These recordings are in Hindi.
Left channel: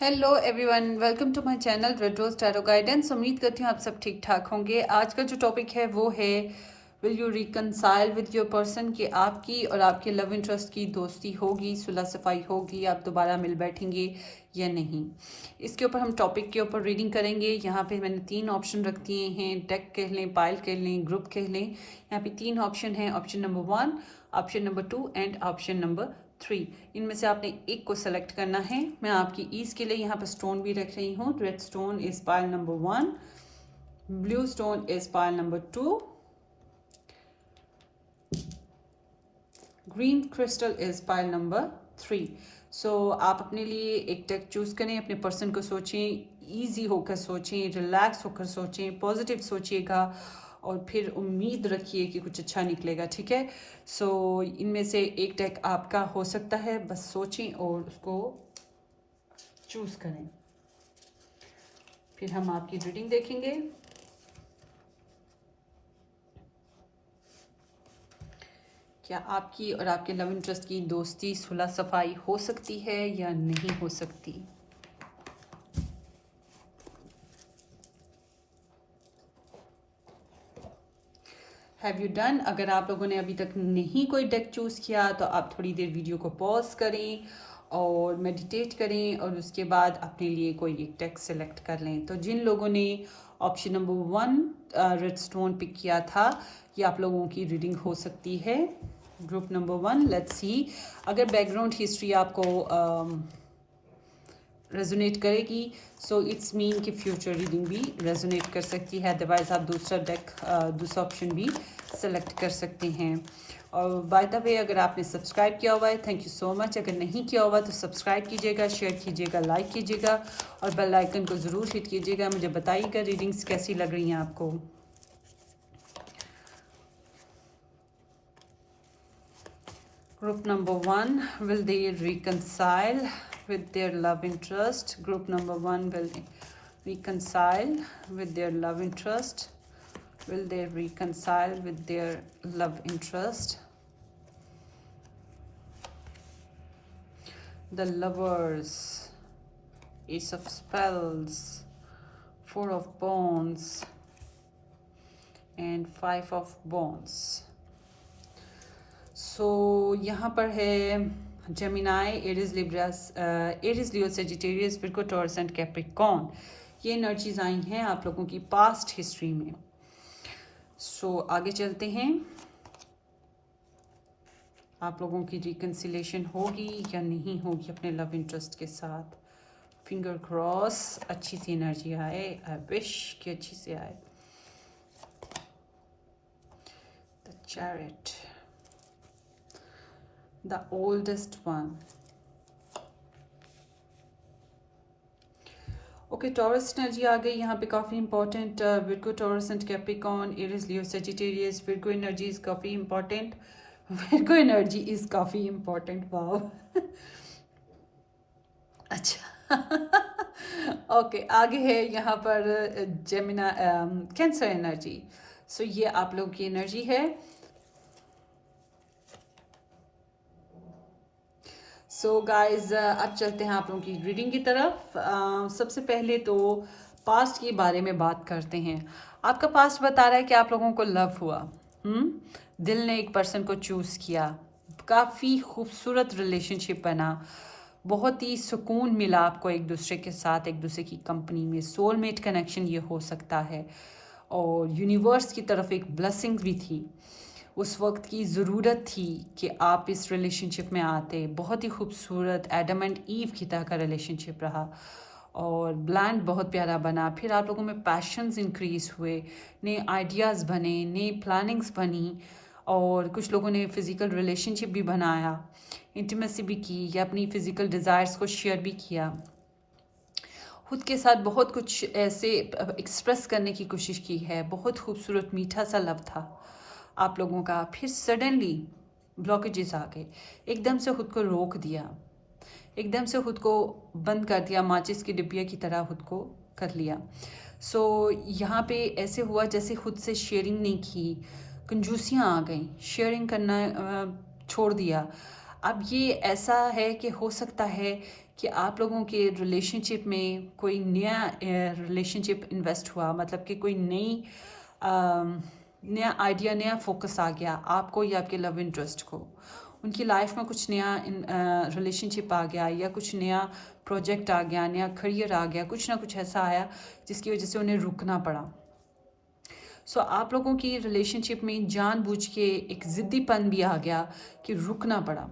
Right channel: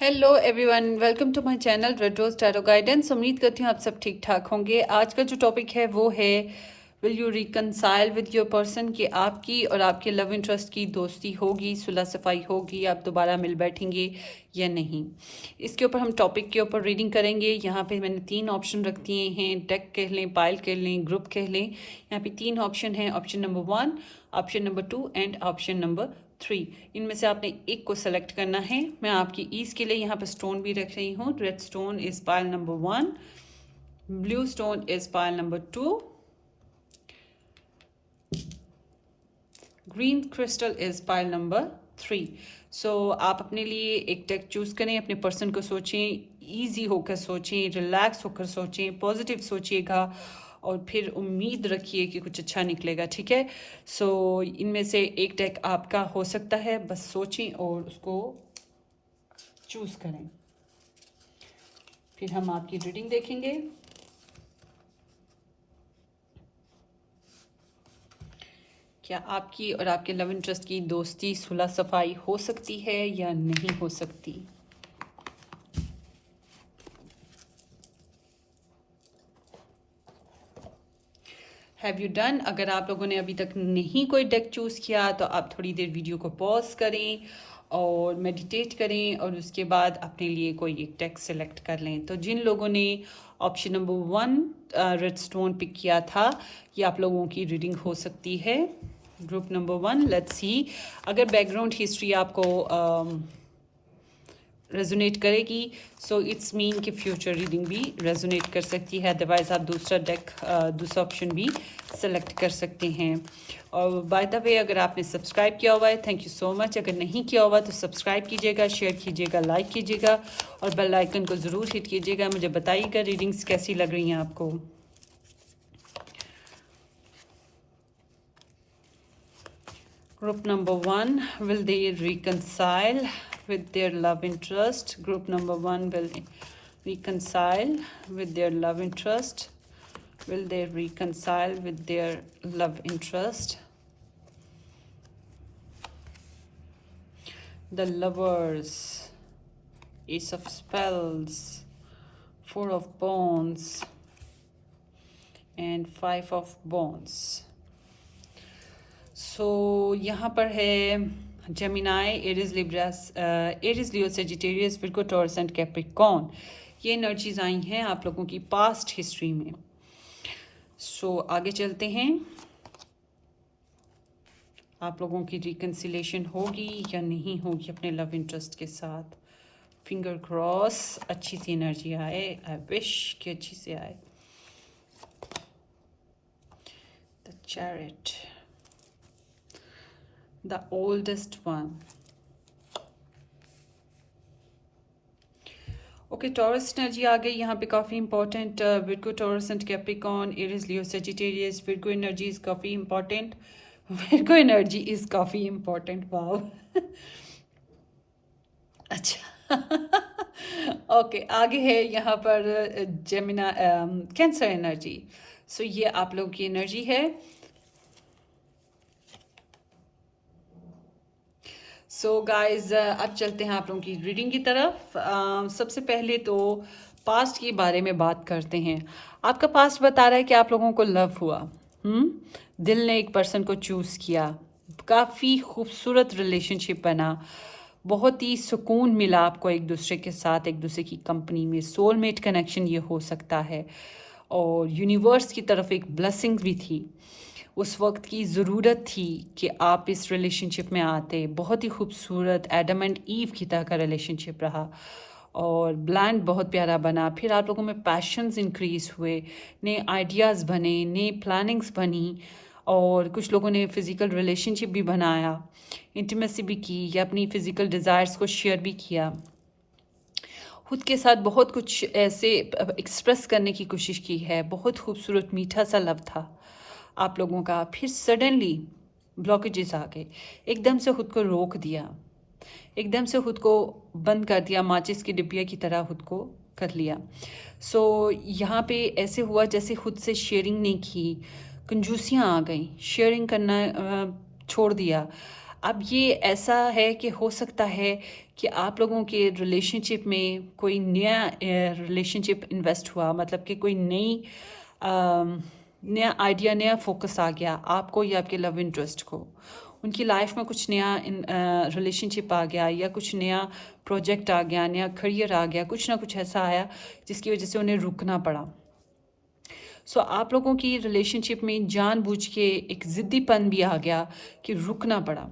Hello everyone, welcome to my channel Red Rose Tarot Guidance. उम्मीद करती हूँ आप सब ठीक ठाक होंगे। आज का जो टॉपिक है वो है will you reconcile with your person, कि आपकी और आपके लव इंटरेस्ट की दोस्ती होगी, सुलह सफाई होगी, आप दोबारा मिल बैठेंगे या नहीं। इसके ऊपर हम टॉपिक के ऊपर रीडिंग करेंगे। यहाँ पे मैंने 3 ऑप्शन रख दिए हैं, डेक कह लें, पाइल कह लें, ग्रुप कह लें। यहाँ पे 3 ऑप्शन हैं, option number 1, option number 2 and option number 3। इनमें से आपने एक को सेलेक्ट करना है। मैं आपकी ईज के लिए यहाँ पर स्टोन भी रख रही हूँ। Red stone is pile number 1, blue stone is pile number 2, green crystal is pile number 3। सो आप अपने लिए एक डेक चूज करें, अपने पर्सन को सोचें, ईजी होकर सोचें, रिलैक्स होकर सोचें, पॉजिटिव सोचिएगा और फिर उम्मीद रखिए कि कुछ अच्छा निकलेगा। ठीक है। सो इनमें से एक डेक आपका हो सकता है, बस सोचें और उसको चूज करें। फिर हम आपकी रीडिंग देखेंगे। क्या आपकी और आपके लव इंटरेस्ट की दोस्ती सुलह सफाई हो सकती है या नहीं हो सकती। Have you done. अगर आप लोगों ने अभी तक नहीं कोई डेक चूज़ किया तो आप थोड़ी देर वीडियो को पॉज करें और मेडिटेट करें और उसके बाद अपने लिए कोई एक डेक सेलेक्ट कर लें। तो जिन लोगों ने option number 1 red stone pick किया था, ये आप लोगों की रीडिंग हो सकती है। Group number 1, let's see. अगर बैकग्राउंड हिस्ट्री आपको रेजोनेट करेगी सो इट्स मीन कि फ्यूचर रीडिंग भी रेजोनेट कर सकती है। अदरवाइज आप दूसरा डेक, दूसरा ऑप्शन भी सेलेक्ट कर सकते हैं। और बाय द वे, अगर आपने सब्सक्राइब किया हुआ है, थैंक यू सो मच। अगर नहीं किया हुआ तो सब्सक्राइब कीजिएगा, शेयर कीजिएगा, लाइक कीजिएगा और बेल आइकन को ज़रूर हिट कीजिएगा। मुझे बताइएगा रीडिंग्स कैसी लग रही हैं आपको। Group number 1, will they reconcile with their love interest? Group number 1 will reconcile with their love interest. Will they reconcile with their love interest? The Lovers, Ace of Spells, 4 of Wands and 5 of Wands. सो यहाँ पर है Gemini, Aries, Libras, Aries, Leo, Sagittarius, Virgo, Taurus and Capricorn. ये एनर्जीज आई हैं आप लोगों की पास्ट हिस्ट्री में। सो आगे चलते हैं। आप लोगों की रिकन्सिलेशन होगी या नहीं होगी अपने लव इंटरेस्ट के साथ। फिंगर क्रॉस, अच्छी सी एनर्जी आए। आई विश कि अच्छी से आए। The chariot, the oldest one. Okay, Taurus energy आ गई यहाँ पे, काफ़ी important. Virgo, Taurus and Capricorn, Aries, Leo, Sagittarius. Virgo energy is काफ़ी इंपॉर्टेंट। विर्गो एनर्जी इज काफ़ी इंपॉर्टेंट। वाओ। अच्छा। ओके, आगे है यहाँ पर जेमिना, कैंसर एनर्जी। सो ये आप लोगों की एनर्जी है। सो गाइज, अब चलते हैं आप लोगों की रीडिंग की तरफ। सबसे पहले तो पास्ट के बारे में बात करते हैं। आपका पास्ट बता रहा है कि आप लोगों को लव हुआ, दिल ने एक पर्सन को चूज़ किया, काफ़ी खूबसूरत रिलेशनशिप बना, बहुत ही सुकून मिला आपको एक दूसरे के साथ, एक दूसरे की कंपनी में। सोलमेट कनेक्शन ये हो सकता है और यूनिवर्स की तरफ एक ब्लेसिंग भी थी। उस वक्त की ज़रूरत थी कि आप इस रिलेशनशिप में आते। बहुत ही खूबसूरत एडम एंड ईव की तरह का रिलेशनशिप रहा और ब्लैंड बहुत प्यारा बना। फिर आप लोगों में पैशंस इंक्रीज़ हुए, नए आइडियाज़ बने, नई प्लानिंग्स बनी और कुछ लोगों ने फ़िज़िकल रिलेशनशिप भी बनाया, इंटीमेसी भी की या अपनी फ़िज़िकल डिज़ायर्स को शेयर भी किया। खुद के साथ बहुत कुछ ऐसे एक्सप्रेस करने की कोशिश की है। बहुत खूबसूरत मीठा सा लव था आप लोगों का। फिर सडनली ब्लॉकेजेस आ गए, एकदम से खुद को रोक दिया, एकदम से खुद को बंद कर दिया, माचिस की डिब्बिया की तरह खुद को कर लिया। सो यहाँ पे ऐसे हुआ जैसे खुद से शेयरिंग नहीं की, कंजूसियाँ आ गई, शेयरिंग करना छोड़ दिया। अब ये ऐसा है कि हो सकता है कि आप लोगों के रिलेशनशिप में कोई नया रिलेशनशिप इन्वेस्ट हुआ, मतलब कि कोई नया आइडिया, नया फोकस आ गया आपको या आपके लव इंटरेस्ट को। उनकी लाइफ में कुछ नया रिलेशनशिप आ गया या कुछ नया प्रोजेक्ट आ गया, नया करियर आ गया, कुछ ना कुछ ऐसा आया जिसकी वजह से उन्हें रुकना पड़ा। सो आप लोगों की रिलेशनशिप में जानबूझ के एक ज़िद्दीपन भी आ गया कि रुकना पड़ा।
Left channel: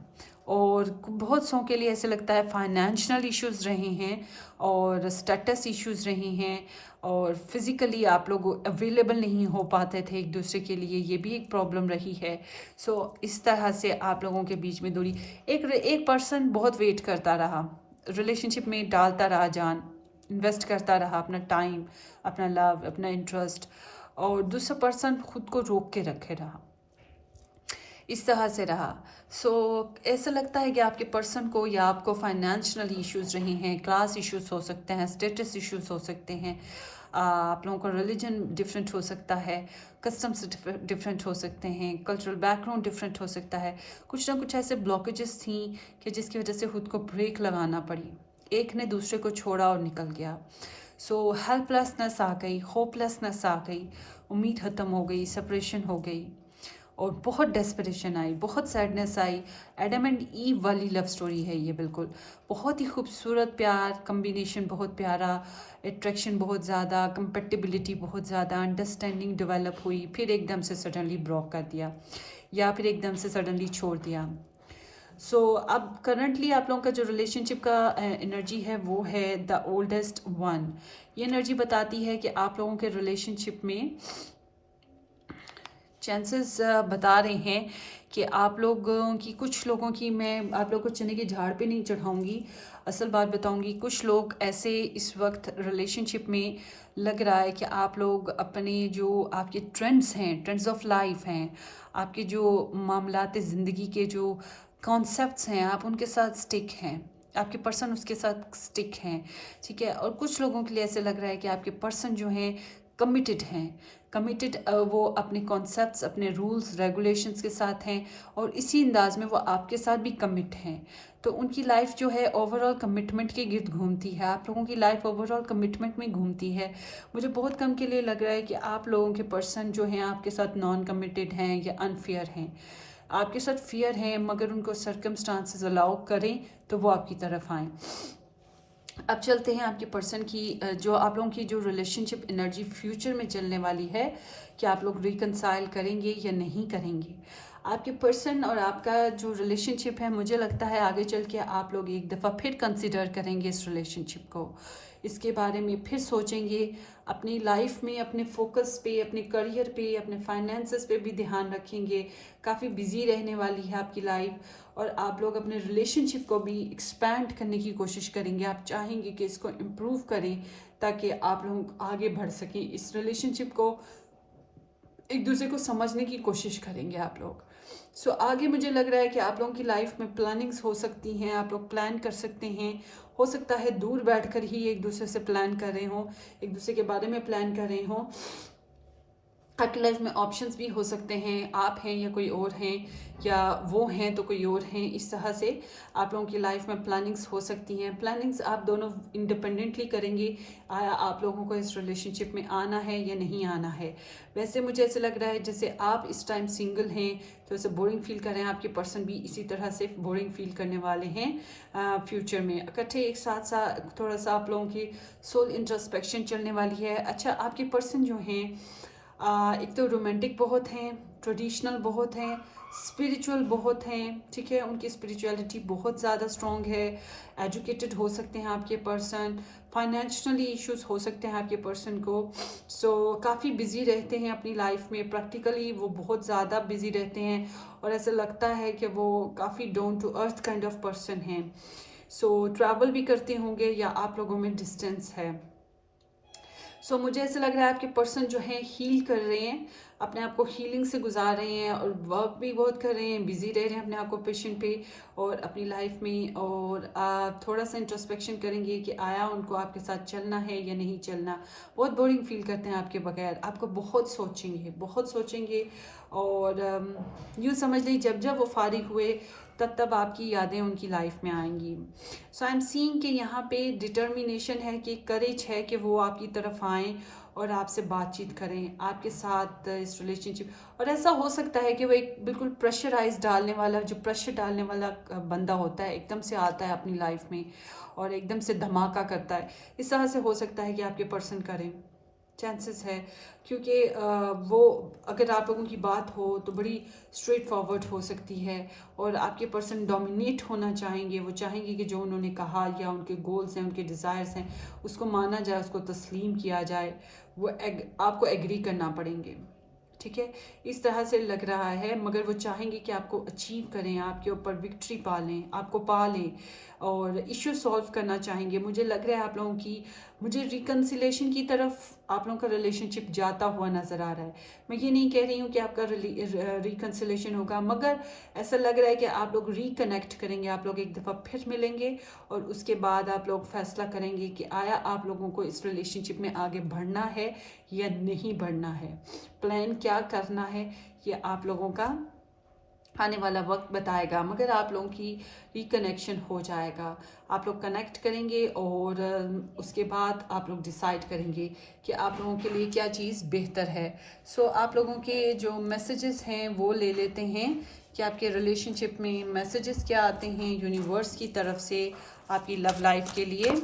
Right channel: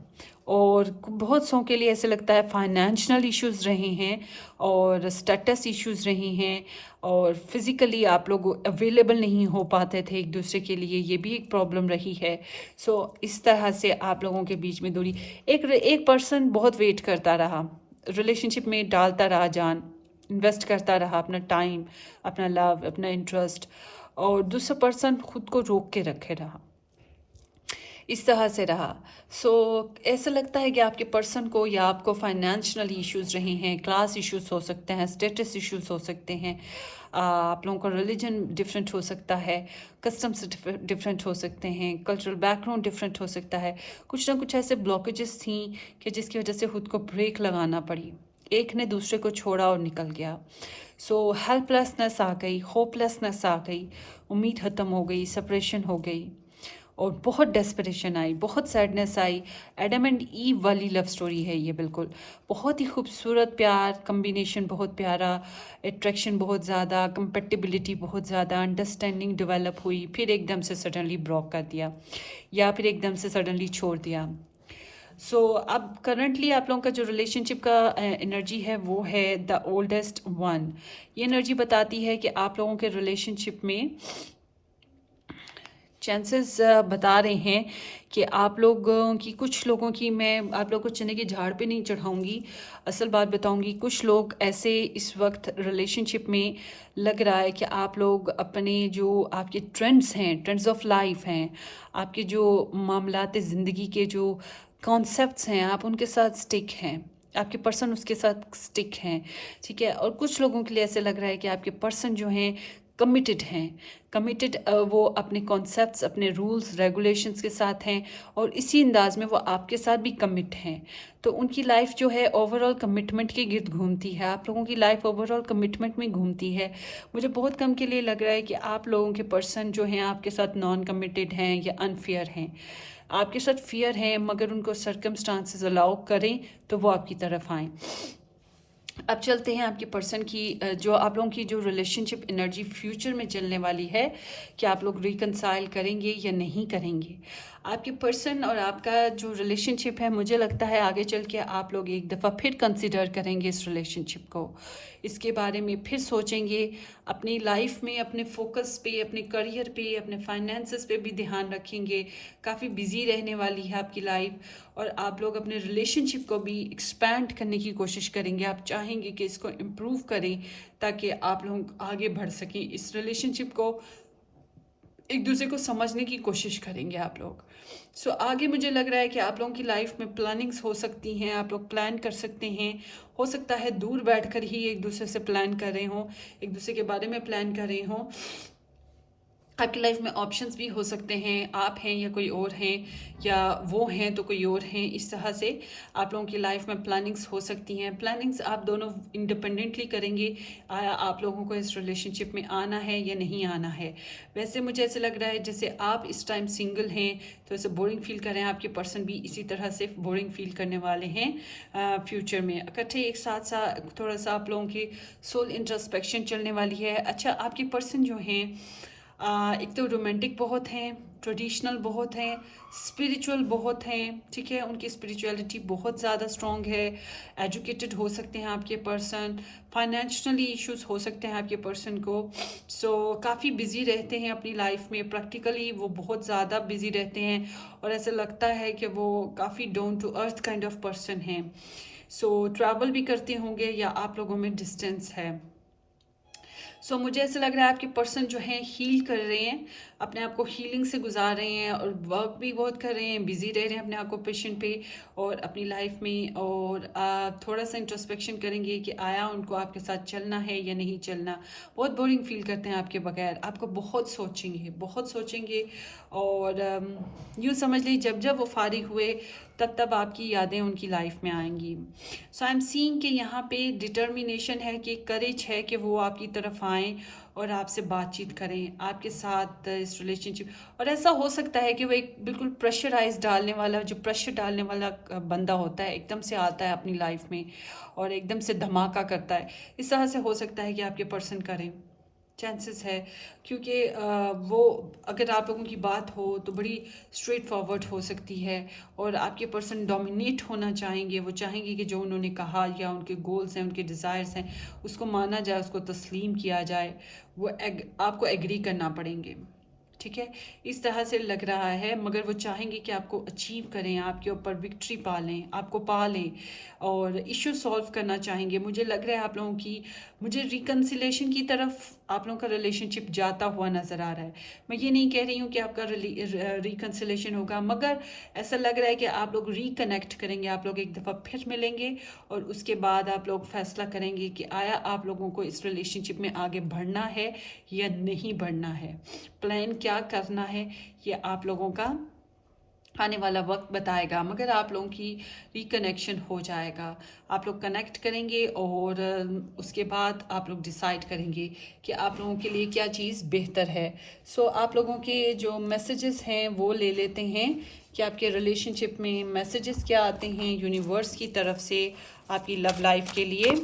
और बहुत सौ के लिए ऐसे लगता है फाइनेंशियल इश्यूज रहे हैं और स्टेटस इश्यूज रहे हैं और फिज़िकली आप लोग अवेलेबल नहीं हो पाते थे एक दूसरे के लिए, ये भी एक प्रॉब्लम रही है। सो इस तरह से आप लोगों के बीच में दूरी, एक पर्सन बहुत वेट करता रहा, रिलेशनशिप में डालता रहा जान, इन्वेस्ट करता रहा अपना टाइम, अपना लव, अपना इंटरेस्ट, और दूसरा पर्सन खुद को रोक के रखे रहा, इस तरह से रहा। सो ऐसा लगता है कि आपके पर्सन को या आपको फाइनेंशियल इश्यूज रहे हैं, क्लास इश्यूज हो सकते हैं, स्टेटस इश्यूज हो सकते हैं, आप लोगों का रिलीजन डिफरेंट हो सकता है, कस्टम्स डिफरेंट हो सकते हैं, कल्चरल बैकग्राउंड डिफरेंट हो सकता है। कुछ ना कुछ ऐसे ब्लॉकेजेस थी कि जिसकी वजह से खुद को ब्रेक लगाना पड़ी, एक ने दूसरे को छोड़ा और निकल गया। सो हेल्पलेसनेस आ गई, होपलेसनेस आ गई, उम्मीद ख़त्म हो गई, सेपरेशन हो गई और बहुत डेस्परेशन आई, बहुत sadness I. Adam and ewe वाली लव स्टोरी है ये, बिल्कुल बहुत ही खूबसूरत प्यार कम्बिनेशन, बहुत प्यारा, अट्रैक्शन बहुत ज़्यादा, कंपेटिबिलिटी बहुत ज़्यादा, अंडरस्टैंडिंग डेवलप हुई, फिर एकदम से सडनली ब्लॉक कर दिया या फिर एकदम से सडनली छोड़ दिया। सो अब करंटली आप लोगों का जो रिलेशनशिप का एनर्जी है वो है द ओल्डेस्ट वन। ये एनर्जी बताती है कि आप लोगों के रिलेशनशिप में चांसेस बता रहे हैं कि आप लोगों की, कुछ लोगों की, मैं आप लोगों को चने के झाड़ पे नहीं चढ़ाऊंगी, असल बात बताऊंगी। कुछ लोग ऐसे इस वक्त रिलेशनशिप में लग रहा है कि आप लोग अपने जो आपके ट्रेंड्स हैं, ट्रेंड्स ऑफ लाइफ हैं, आपके जो मामलात ज़िंदगी के जो कॉन्सेप्ट्स हैं, आप उनके साथ स्टिक हैं, आपके पर्सन उसके साथ स्टिक हैं, ठीक है। और कुछ लोगों के लिए ऐसे लग रहा है कि आपके पर्सन जो हैं कमिटेड हैं, कमिटेड, वो अपने कॉन्सेप्ट्स, अपने रूल्स रेगुलेशंस के साथ हैं और इसी अंदाज में वो आपके साथ भी कमिट हैं। तो उनकी लाइफ जो है ओवरऑल कमिटमेंट के गिर्द घूमती है, आप लोगों की लाइफ ओवरऑल कमिटमेंट में घूमती है। मुझे बहुत कम के लिए लग रहा है कि आप लोगों के पर्सन जो हैं आपके साथ नॉन कमिटेड हैं या अनफेयर हैं, आपके साथ फियर हैं, मगर उनको सर्कमस्टांसेस अलाउ करें तो वो आपकी तरफ आएँ। अब चलते हैं आपके पर्सन की, जो आप लोगों की जो रिलेशनशिप एनर्जी फ्यूचर में चलने वाली है, कि आप लोग रिकनसाइल करेंगे या नहीं करेंगे। आपके पर्सन और आपका जो रिलेशनशिप है, मुझे लगता है आगे चल के आप लोग एक दफ़ा फिर कंसिडर करेंगे इस रिलेशनशिप को, इसके बारे में फिर सोचेंगे, अपनी लाइफ में अपने फोकस पे, अपने करियर पे, अपने फाइनेंसेस पे भी ध्यान रखेंगे। काफ़ी बिजी रहने वाली है आपकी लाइफ और आप लोग अपने रिलेशनशिप को भी एक्सपैंड करने की कोशिश करेंगे। आप चाहेंगे कि इसको इम्प्रूव करें ताकि आप लोग आगे बढ़ सकें, इस रिलेशनशिप को एक दूसरे को समझने की कोशिश करेंगे आप लोग। सो आगे मुझे लग रहा है कि आप लोगों की लाइफ में प्लानिंग्स हो सकती हैं, आप लोग प्लान कर सकते हैं। हो सकता है दूर बैठकर ही एक दूसरे से प्लान कर रहे हों, एक दूसरे के बारे में प्लान कर रहे हों। आपकी लाइफ में ऑप्शंस भी हो सकते हैं, आप हैं या कोई और हैं, या वो हैं तो कोई और हैं। इस तरह से आप लोगों की लाइफ में प्लानिंग्स हो सकती हैं। प्लानिंग्स आप दोनों इंडिपेंडेंटली करेंगे, आया आप लोगों को इस रिलेशनशिप में आना है या नहीं आना है। वैसे मुझे ऐसे लग रहा है जैसे आप इस टाइम सिंगल हैं तो ऐसे बोरिंग फील कर रहे हैं, आपके पर्सन भी इसी तरह से बोरिंग फील करने वाले हैं फ्यूचर में। इकट्ठे एक साथ साथ थोड़ा सा आप लोगों की सोल इंट्रोस्पेक्शन चलने वाली है। अच्छा, आपके पर्सन जो हैं एक तो रोमांटिक बहुत हैं, ट्रेडिशनल बहुत हैं, स्पिरिचुअल बहुत हैं, ठीक है, उनकी स्पिरिचुअलिटी बहुत ज़्यादा स्ट्रॉन्ग है। एजुकेटेड हो सकते हैं आपके पर्सन, फाइनेंशियली इश्यूज हो सकते हैं आपके पर्सन को। सो काफ़ी बिजी रहते हैं अपनी लाइफ में, प्रैक्टिकली वो बहुत ज़्यादा बिजी रहते हैं और ऐसा लगता है कि वो काफ़ी down to earth kind of person हैं। सो ट्रैवल भी करते होंगे या आप लोगों में डिस्टेंस है। सो मुझे ऐसा लग रहा है आपके पर्सन जो है हील कर रहे हैं, अपने आप को हीलिंग से गुजार रहे हैं और वर्क भी बहुत कर रहे हैं, बिजी रह रहे हैं अपने ऑक्यूपेशन पे और अपनी लाइफ में। और आप थोड़ा सा इंट्रोस्पेक्शन करेंगे कि आया उनको आपके साथ चलना है या नहीं चलना। बहुत बोरिंग फील करते हैं आपके बगैर, आपको बहुत सोचेंगे, बहुत सोचेंगे। और यूँ समझ लीजिए जब जब वो फारिग हुए तब तब आपकी यादें उनकी लाइफ में आएंगी। सो आई एम सीइंग कि यहाँ पे डिटर्मिनेशन है, कि करेज है कि वो आपकी तरफ आएँ और आपसे बातचीत करें, आपके साथ इस रिलेशनशिप। और ऐसा हो सकता है कि वो एक बिल्कुल प्रेशराइज डालने वाला, जो प्रेशर डालने वाला बंदा होता है, एकदम से आता है अपनी लाइफ में और एकदम से धमाका करता है। इस तरह से हो सकता है कि आपके पर्सन करें, चांसेस है। क्योंकि वो, अगर आप लोगों की बात हो तो बड़ी स्ट्रेट फॉरवर्ड हो सकती है और आपके पर्सन डोमिनेट होना चाहेंगे। वो चाहेंगे कि जो उन्होंने कहा या उनके गोल्स हैं, उनके डिज़ायर्स हैं, उसको माना जाए, उसको तस्लीम किया जाए। वो आपको एग्री करना पड़ेंगे, ठीक है, इस तरह से लग रहा है। मगर वो चाहेंगे कि आपको अचीव करें, आपके ऊपर विक्ट्री पा लें, आपको पा लें और इशू सॉल्व करना चाहेंगे। मुझे लग रहा है आप लोगों की, मुझे रिकन्सिलेशन की तरफ आप लोगों का रिलेशनशिप जाता हुआ नज़र आ रहा है। मैं ये नहीं कह रही हूँ कि आपका रिकन्सिलेशन होगा, मगर ऐसा लग रहा है कि आप लोग रिकनेक्ट करेंगे, आप लोग एक दफ़ा फिर मिलेंगे और उसके बाद आप लोग फैसला करेंगे कि आया आप लोगों को इस रिलेशनशिप में आगे बढ़ना है या नहीं बढ़ना है, प्लान क्या करना है, ये आप लोगों का आने वाला वक्त बताएगा। मगर आप लोगों की रिकनेक्शन हो जाएगा, आप लोग कनेक्ट करेंगे और उसके बाद आप लोग डिसाइड करेंगे कि आप लोगों के लिए क्या चीज़ बेहतर है। सो आप लोगों के जो मैसेजेस हैं वो ले लेते हैं कि आपके रिलेशनशिप में मैसेजेस क्या आते हैं यूनिवर्स की तरफ से आपकी लव लाइफ के लिए।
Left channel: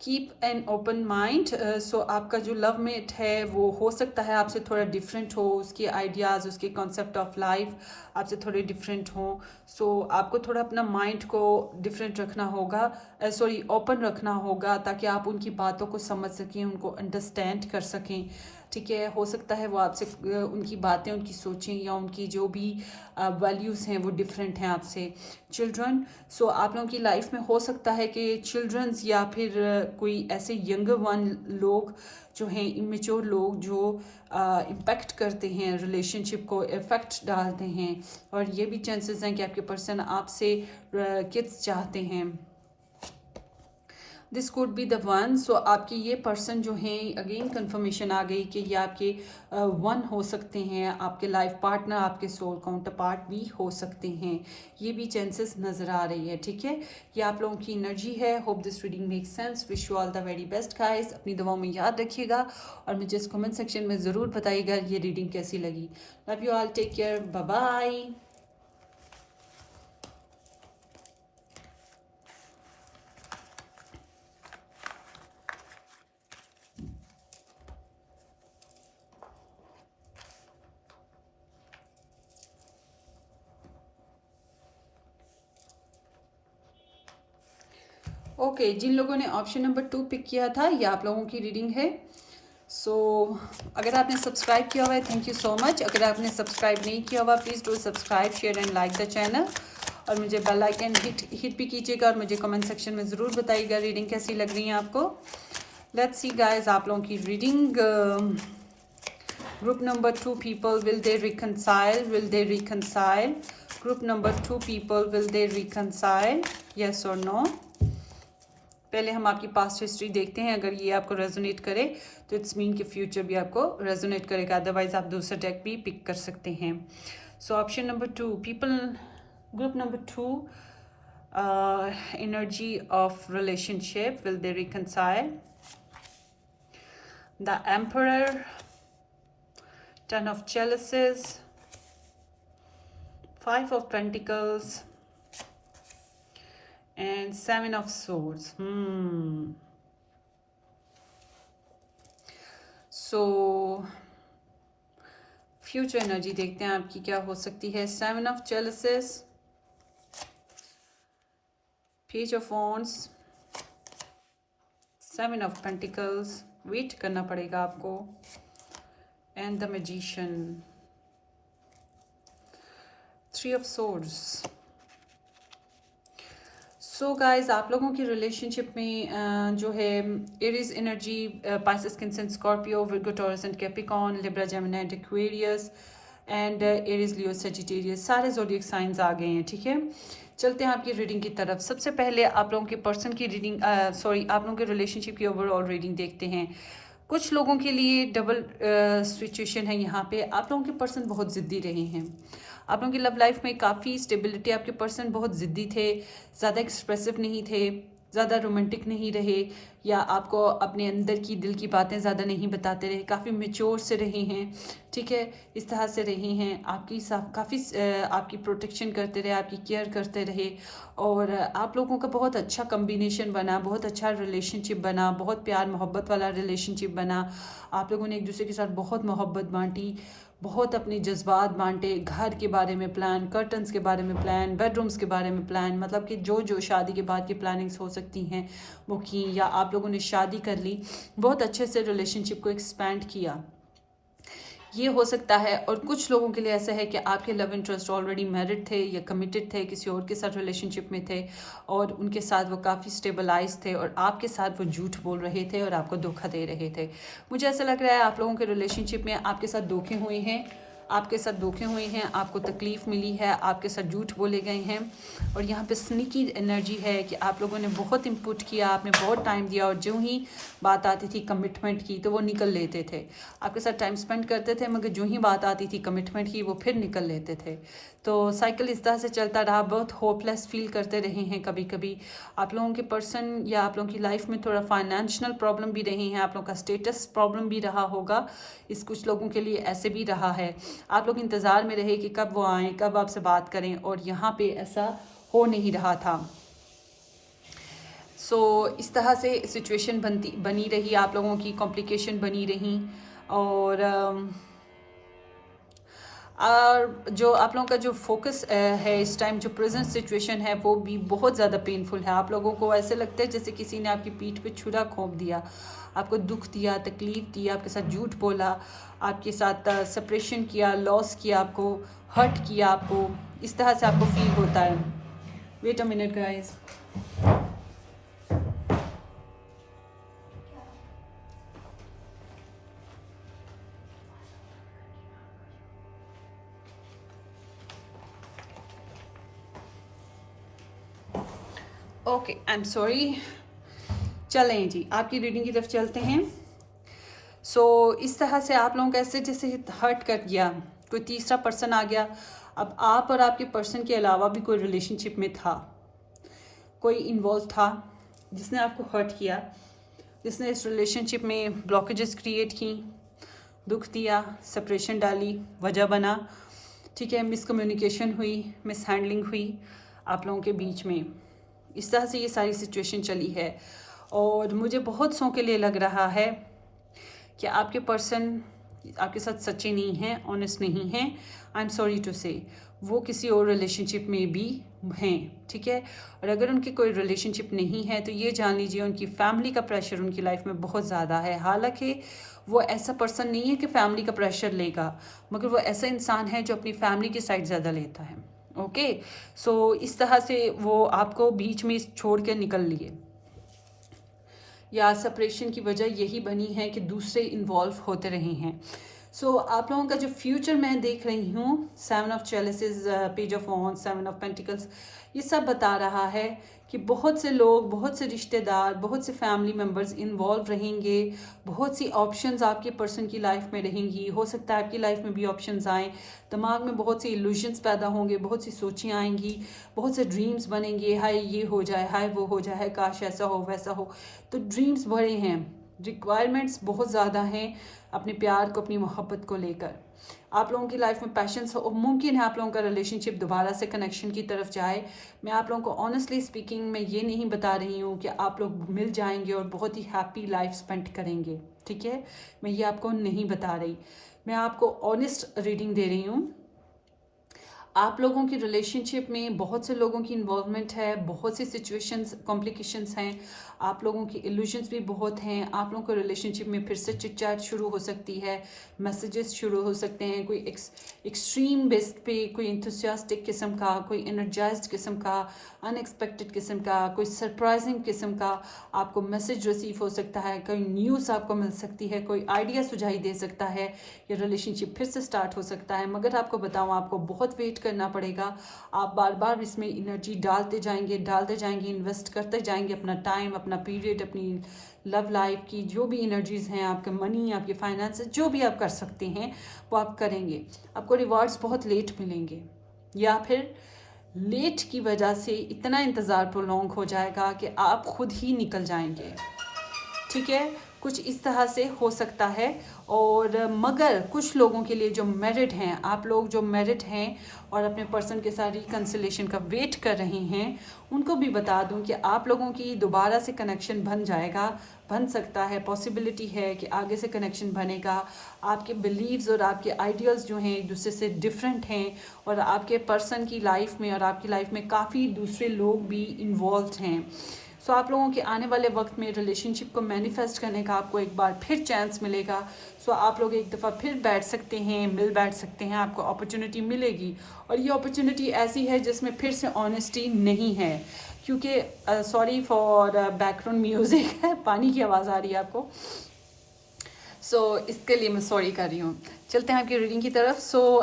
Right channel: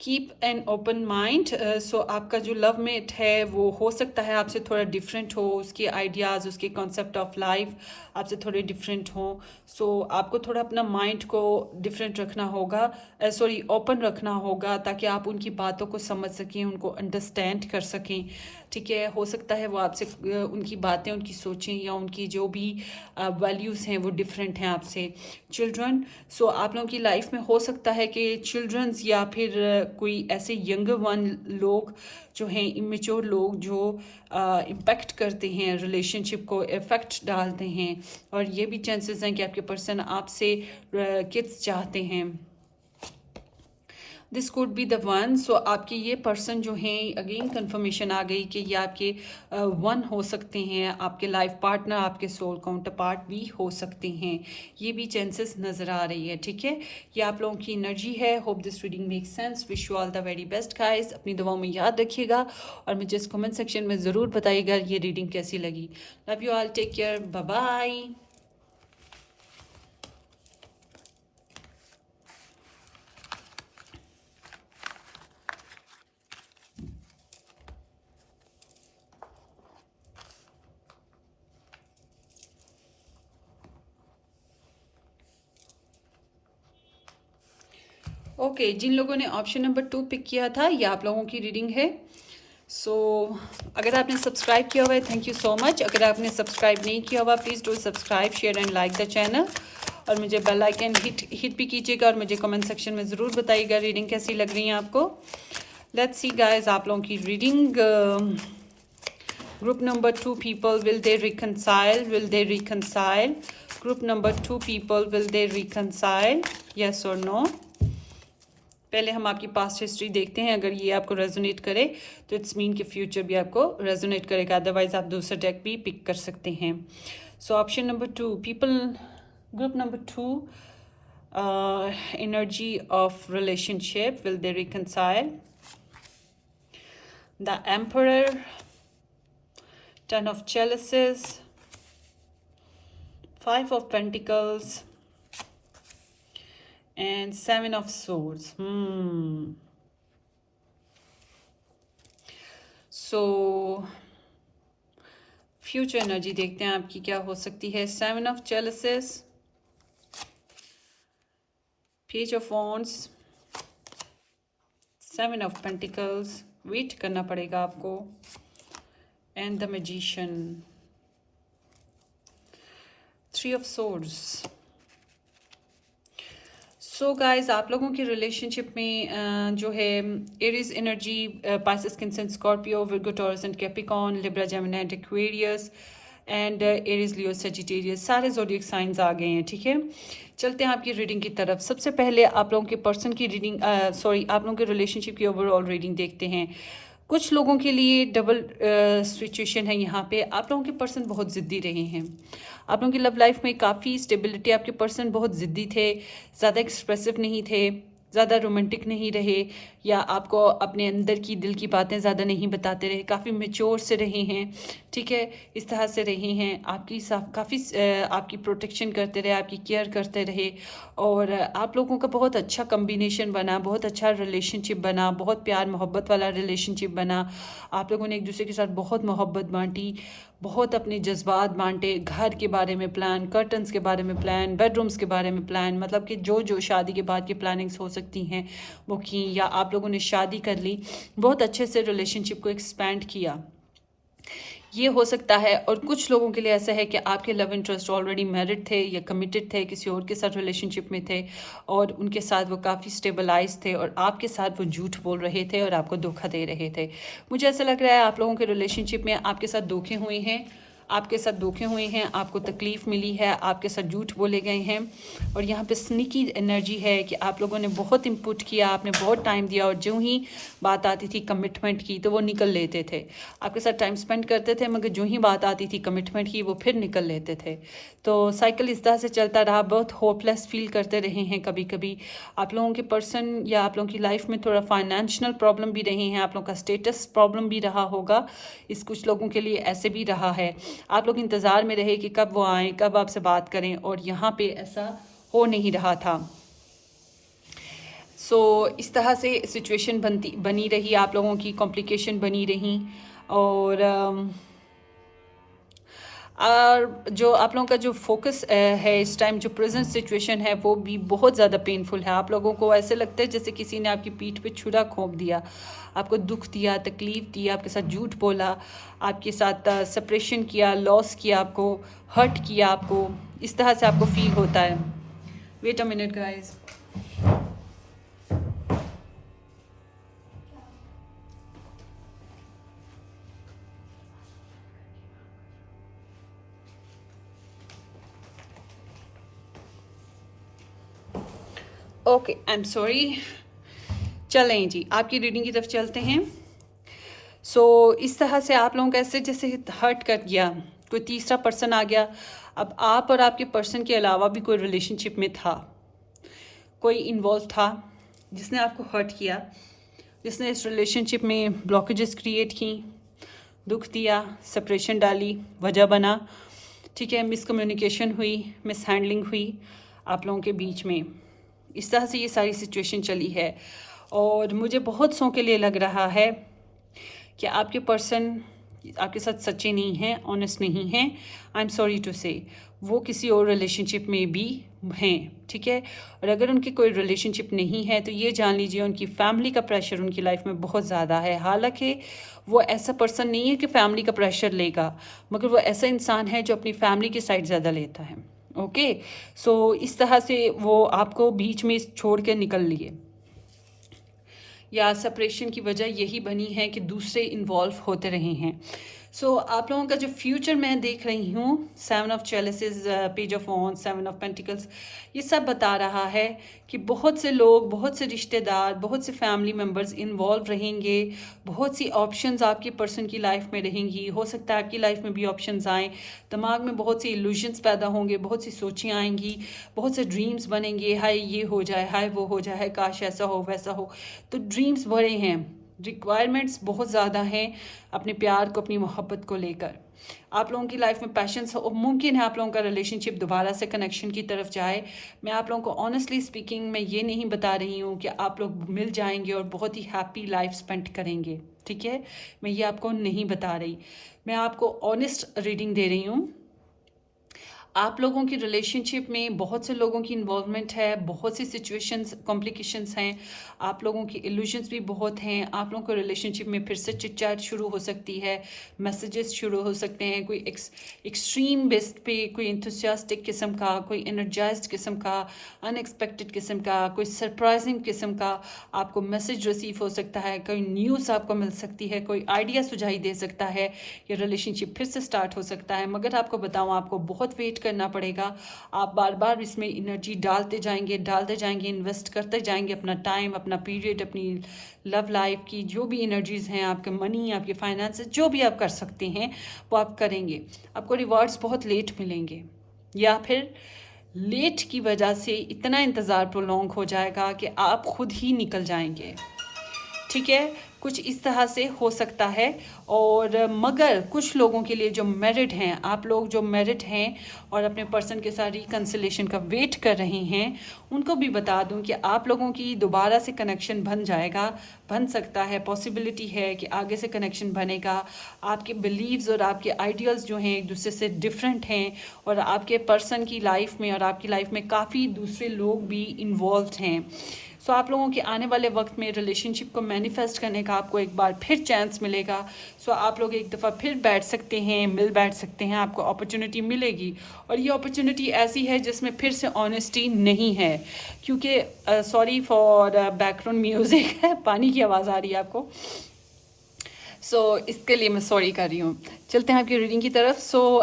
Keep an open mind. So आपका जो लव मेट है वो हो सकता है आपसे थोड़ा डिफरेंट हो, उसके आइडियाज़, उसके कॉन्सेप्ट ऑफ लाइफ आपसे थोड़े डिफरेंट हों। सो आपको थोड़ा अपना माइंड को डिफरेंट रखना होगा, सॉरी ओपन रखना होगा, ताकि आप उनकी बातों को समझ सकें, उनको अंडरस्टैंड कर सकें। ठीक है, हो सकता है वो आपसे उनकी बातें, उनकी सोचें या उनकी जो भी वैल्यूज़ हैं वो डिफरेंट हैं आपसे। चिल्ड्रन, सो आप लोगों की लाइफ में हो सकता है कि चिल्ड्रंस या फिर कोई ऐसे यंगर वन लोग जो हैं, इमेच्योर लोग जो इम्पेक्ट करते हैं रिलेशनशिप को, इफ़ेक्ट डालते हैं। और ये भी चांसेस हैं कि आपके पर्सन आपसे किड्स चाहते हैं। This could be the one. So आपके ये पर्सन जो हैं, अगेन कंफर्मेशन आ गई कि ये आपके वन हो सकते हैं, आपके लाइफ पार्टनर, आपके सोल काउंटर पार्ट भी हो सकते हैं। ये भी चांसेस नज़र आ रही है, ठीक है। ये आप लोगों की एनर्जी है। Hope this reading make sense. Wish you all the very best guys. अपनी दुआओं में याद रखिएगा और मुझे इस कमेंट सेक्शन में ज़रूर बताइएगा ये रीडिंग कैसी लगी। Love you all, take care, bye bye. Okay, जिन लोगों ने ऑप्शन नंबर 2 पिक किया था, ये आप लोगों की रीडिंग है। सो अगर आपने सब्सक्राइब किया हुआ है, थैंक यू सो मच। अगर आपने सब्सक्राइब नहीं किया हुआ, please do subscribe, share and like the channel. और मुझे बेल आइकन हिट भी कीजिएगा और मुझे कमेंट सेक्शन में ज़रूर बताइएगा रीडिंग कैसी लग रही है आपको। लेट्स सी गाइस, आप लोगों की reading. Group number 2 people, will they reconcile, will they reconcile. Group number 2 people, will they reconcile, yes और नो। पहले हम आपकी पास्ट हिस्ट्री देखते हैं। अगर ये आपको रेजोनेट करे तो इट्स मीन कि फ्यूचर भी आपको रेजोनेट करेगा, अदरवाइज आप दूसरा डेक भी पिक कर सकते हैं। So option number 2 people, group number 2, energy of relationship, will they reconcile. The emperor, 10 of chalices, 5 of pentacles and 7 of swords. So future energy देखते हैं आपकी क्या हो सकती है। 7 of chalices, page of wands, 7 of pentacles, वेट करना पड़ेगा आपको, and the magician, 3 of swords. So guys, आप लोगों की रिलेशनशिप में जो है Aries energy, Pisces, Cancer, Scorpio, Virgo, Taurus and Capricorn, Libra, Gemini and Aquarius and Aries, Leo, Sagittarius, सारे ज़ोडिएक साइंस आ गए हैं। ठीक है, चलते हैं आपकी रीडिंग की तरफ। सबसे पहले आप लोगों के पर्सन की रीडिंग, आप लोगों के रिलेशनशिप की ओवरऑल रीडिंग देखते हैं। कुछ लोगों के लिए डबल सिचुएशन है यहाँ पे। आप लोगों के पर्सन बहुत ज़िद्दी रहे हैं। आप लोगों की लव लाइफ में काफ़ी स्टेबिलिटी, आपके पर्सन बहुत ज़िद्दी थे, ज़्यादा एक्सप्रेसिव नहीं थे, ज़्यादा रोमांटिक नहीं रहे, या आपको अपने अंदर की दिल की बातें ज़्यादा नहीं बताते रहे, काफ़ी मेच्योर से रहे हैं। ठीक है, इस तरह से रहे हैं, काफ़ी आपकी प्रोटेक्शन करते रहे, आपकी केयर करते रहे, और आप लोगों का बहुत अच्छा कम्बिनेशन बना, बहुत अच्छा रिलेशनशिप बना, बहुत प्यार मोहब्बत वाला रिलेशनशिप बना। आप लोगों ने एक दूसरे के साथ बहुत मोहब्बत बांटी, बहुत अपने जज्बात बांटे, घर के बारे में प्लान, कर्टन्स के बारे में प्लान, बेडरूम्स के बारे में प्लान, मतलब कि जो जो शादी के बाद की प्लानिंग्स हो सकती हैं वो की, या आप लोगों ने शादी कर ली, बहुत अच्छे से रिलेशनशिप को एक्सपैंड किया। ये हो सकता है। और कुछ लोगों के लिए ऐसा है कि आपके लव इंटरेस्ट ऑलरेडी मैरिड थे या कमिटेड थे, किसी और के साथ रिलेशनशिप में थे, और उनके साथ वो काफ़ी स्टेबलाइज थे, और आपके साथ वो झूठ बोल रहे थे और आपको धोखा दे रहे थे। मुझे ऐसा लग रहा है आप लोगों के रिलेशनशिप में आपके साथ धोखे हुए हैं, आपको तकलीफ़ मिली है, आपके साथ झूठ बोले गए हैं, और यहाँ पे स्नीकी एनर्जी है कि आप लोगों ने बहुत इनपुट किया, आपने बहुत टाइम दिया, और जो ही बात आती थी कमिटमेंट की तो वो निकल लेते थे। आपके साथ टाइम स्पेंड करते थे, मगर जो ही बात आती थी कमिटमेंट की वो फिर निकल लेते थे। तो साइकिल इस तरह से चलता रहा, बहुत होपलेस फील करते रहे हैं कभी कभी। आप लोगों के पर्सन या आप लोगों की लाइफ में थोड़ा फाइनेंशियल प्रॉब्लम भी रही हैं, आप लोगों का स्टेटस प्रॉब्लम भी रहा होगा, इस कुछ लोगों के लिए ऐसे भी रहा है। आप लोग इंतज़ार में रहे कि कब वो आएँ, कब आपसे बात करें, और यहाँ पे ऐसा हो नहीं रहा था। इस तरह से सिचुएशन बनी रही, आप लोगों की कॉम्प्लिकेशन बनी रही, और जो आप लोगों का जो फोकस है इस टाइम, जो प्रेजेंट सिचुएशन है, वो भी बहुत ज़्यादा पेनफुल है। आप लोगों को ऐसे लगता है जैसे किसी ने आपकी पीठ पे छुरा घोंप दिया, आपको दुख दिया, तकलीफ दी, आपके साथ झूठ बोला, आपके साथ सेपरेशन किया, लॉस किया, आपको हर्ट किया, आपको इस तरह से आपको फील होता है। Wait a minute guys. Okay, I am sorry. चलें जी, आपकी रीडिंग की तरफ चलते हैं। इस तरह से आप लोगों का ऐसे जैसे हर्ट कर गया, कोई तीसरा पर्सन आ गया। अब आप और आपके पर्सन के अलावा भी कोई रिलेशनशिप में था, कोई इन्वॉल्व था जिसने आपको हर्ट किया, जिसने इस रिलेशनशिप में ब्लॉकेजेस क्रिएट की, दुख दिया, सेपरेशन डाली, वजह बना। ठीक है, मिसकम्युनिकेशन हुई, मिसहैंडलिंग हुई आप लोगों के बीच में। इस तरह से ये सारी सिचुएशन चली है, और मुझे बहुत सौ के लिए लग रहा है कि आपके पर्सन आपके साथ सच्चे नहीं हैं, ऑनेस्ट नहीं हैं। आई एम सॉरी टू से, वो किसी और रिलेशनशिप में भी हैं। ठीक है, और अगर उनकी कोई रिलेशनशिप नहीं है तो ये जान लीजिए उनकी फैमिली का प्रेशर उनकी लाइफ में बहुत ज़्यादा है। हालांकि वो ऐसा पर्सन नहीं है कि फैमिली का प्रेशर लेगा, मगर वो ऐसा इंसान है जो अपनी फैमिली की साइड ज़्यादा लेता है। ओके, इस तरह से वो आपको बीच में छोड़ के निकल लिए, या सेपरेशन की वजह यही बनी है कि दूसरे इन्वॉल्व होते रहे हैं। आप लोगों का जो फ्यूचर मैं देख रही हूँ, 7 of chalices, page of wands, 7 of pentacles, ये सब बता रहा है कि बहुत से लोग, बहुत से रिश्तेदार, बहुत से फैमिली मेम्बर्स इन्वॉल्व रहेंगे, बहुत सी ऑप्शंस आपके पर्सन की लाइफ में रहेंगी। हो सकता है आपकी लाइफ में भी ऑप्शंस आएँ, दिमाग में बहुत सी इल्यूजन्स पैदा होंगे, बहुत सी सोचें आएंगी, बहुत से ड्रीम्स बनेंगे, हाय ये हो जाए, हाय वो हो जाए, काश ऐसा हो वैसा हो। तो ड्रीम्स बड़े हैं, रिक्वायरमेंट्स बहुत ज़्यादा हैं अपने प्यार को, अपनी मोहब्बत को लेकर। आप लोगों की लाइफ में पैशंस हो, मुमकिन है आप लोगों का रिलेशनशिप दोबारा से कनेक्शन की तरफ जाए। मैं आप लोगों को ऑनेस्टली स्पीकिंग मैं ये नहीं बता रही हूँ कि आप लोग मिल जाएंगे और बहुत ही हैप्पी लाइफ स्पेंड करेंगे। ठीक है, मैं ये आपको नहीं बता रही, मैं आपको ऑनेस्ट रीडिंग दे रही हूँ। आप लोगों की रिलेशनशिप में बहुत से लोगों की इन्वॉल्वमेंट है, बहुत सी सिचुएशंस कॉम्प्लिकेशंस हैं, आप लोगों की इल्यूजन्स भी बहुत हैं। आप लोगों को रिलेशनशिप में फिर से चिट चैट शुरू हो सकती है, मैसेजेस शुरू हो सकते हैं, कोई एक्सट्रीम बेस पे कोई इंथुसियास्टिक किस्म का, कोई एनर्जाइज्ड किस्म का, अनएक्सपेक्टेड किस्म का, कोई सरप्राइजिंग किस्म का आपको मैसेज रिसीव हो सकता है, कोई न्यूज़ आपको मिल सकती है, कोई आइडिया सुझाई दे सकता है, ये रिलेशनशिप फिर से स्टार्ट हो सकता है। मगर आपको बताऊँ, आपको बहुत वेट करना पड़ेगा। आप बार बार इसमें एनर्जी डालते जाएंगे, इन्वेस्ट करते जाएंगे अपना टाइम, अपना पीरियड, अपनी लव लाइफ की जो भी एनर्जीज़ हैं, आपके मनी, आपके फाइनेंसेस, जो भी आप कर सकते हैं वो आप करेंगे। आपको रिवॉर्ड्स बहुत लेट मिलेंगे, या फिर लेट की वजह से इतना इंतज़ार प्रोलॉन्ग हो जाएगा कि आप खुद ही निकल जाएंगे। ठीक है, कुछ इस तरह से हो सकता है। और मगर कुछ लोगों के लिए जो मैरिड हैं, आप लोग जो मैरिड हैं और अपने पर्सन के साथ रिकन्सिलेशन का वेट कर रहे हैं, उनको भी बता दूं कि आप लोगों की दोबारा से कनेक्शन बन जाएगा, बन सकता है, पॉसिबिलिटी है कि आगे से कनेक्शन बनेगा। आपके बिलीव्स और आपके आइडियल्स जो हैं एक दूसरे से डिफरेंट हैं, और आपके पर्सन की लाइफ में और आपकी लाइफ में काफ़ी दूसरे लोग भी इन्वॉल्व हैं। सो आप लोगों के आने वाले वक्त में रिलेशनशिप को मैनिफेस्ट करने का आपको एक बार फिर चांस मिलेगा। सो आप लोग एक दफ़ा फिर बैठ सकते हैं, बैठ सकते हैं, आपको अपॉर्चुनिटी मिलेगी। और ये अपॉर्चुनिटी ऐसी है जिसमें फिर से ऑनेस्टी नहीं है, क्योंकि सॉरी फॉर बैकग्राउंड म्यूज़िक है, पानी की आवाज़ आ रही है आपको, इसके लिए मैं सॉरी कर रही हूँ। चलते हैं आपकी रीडिंग की तरफ।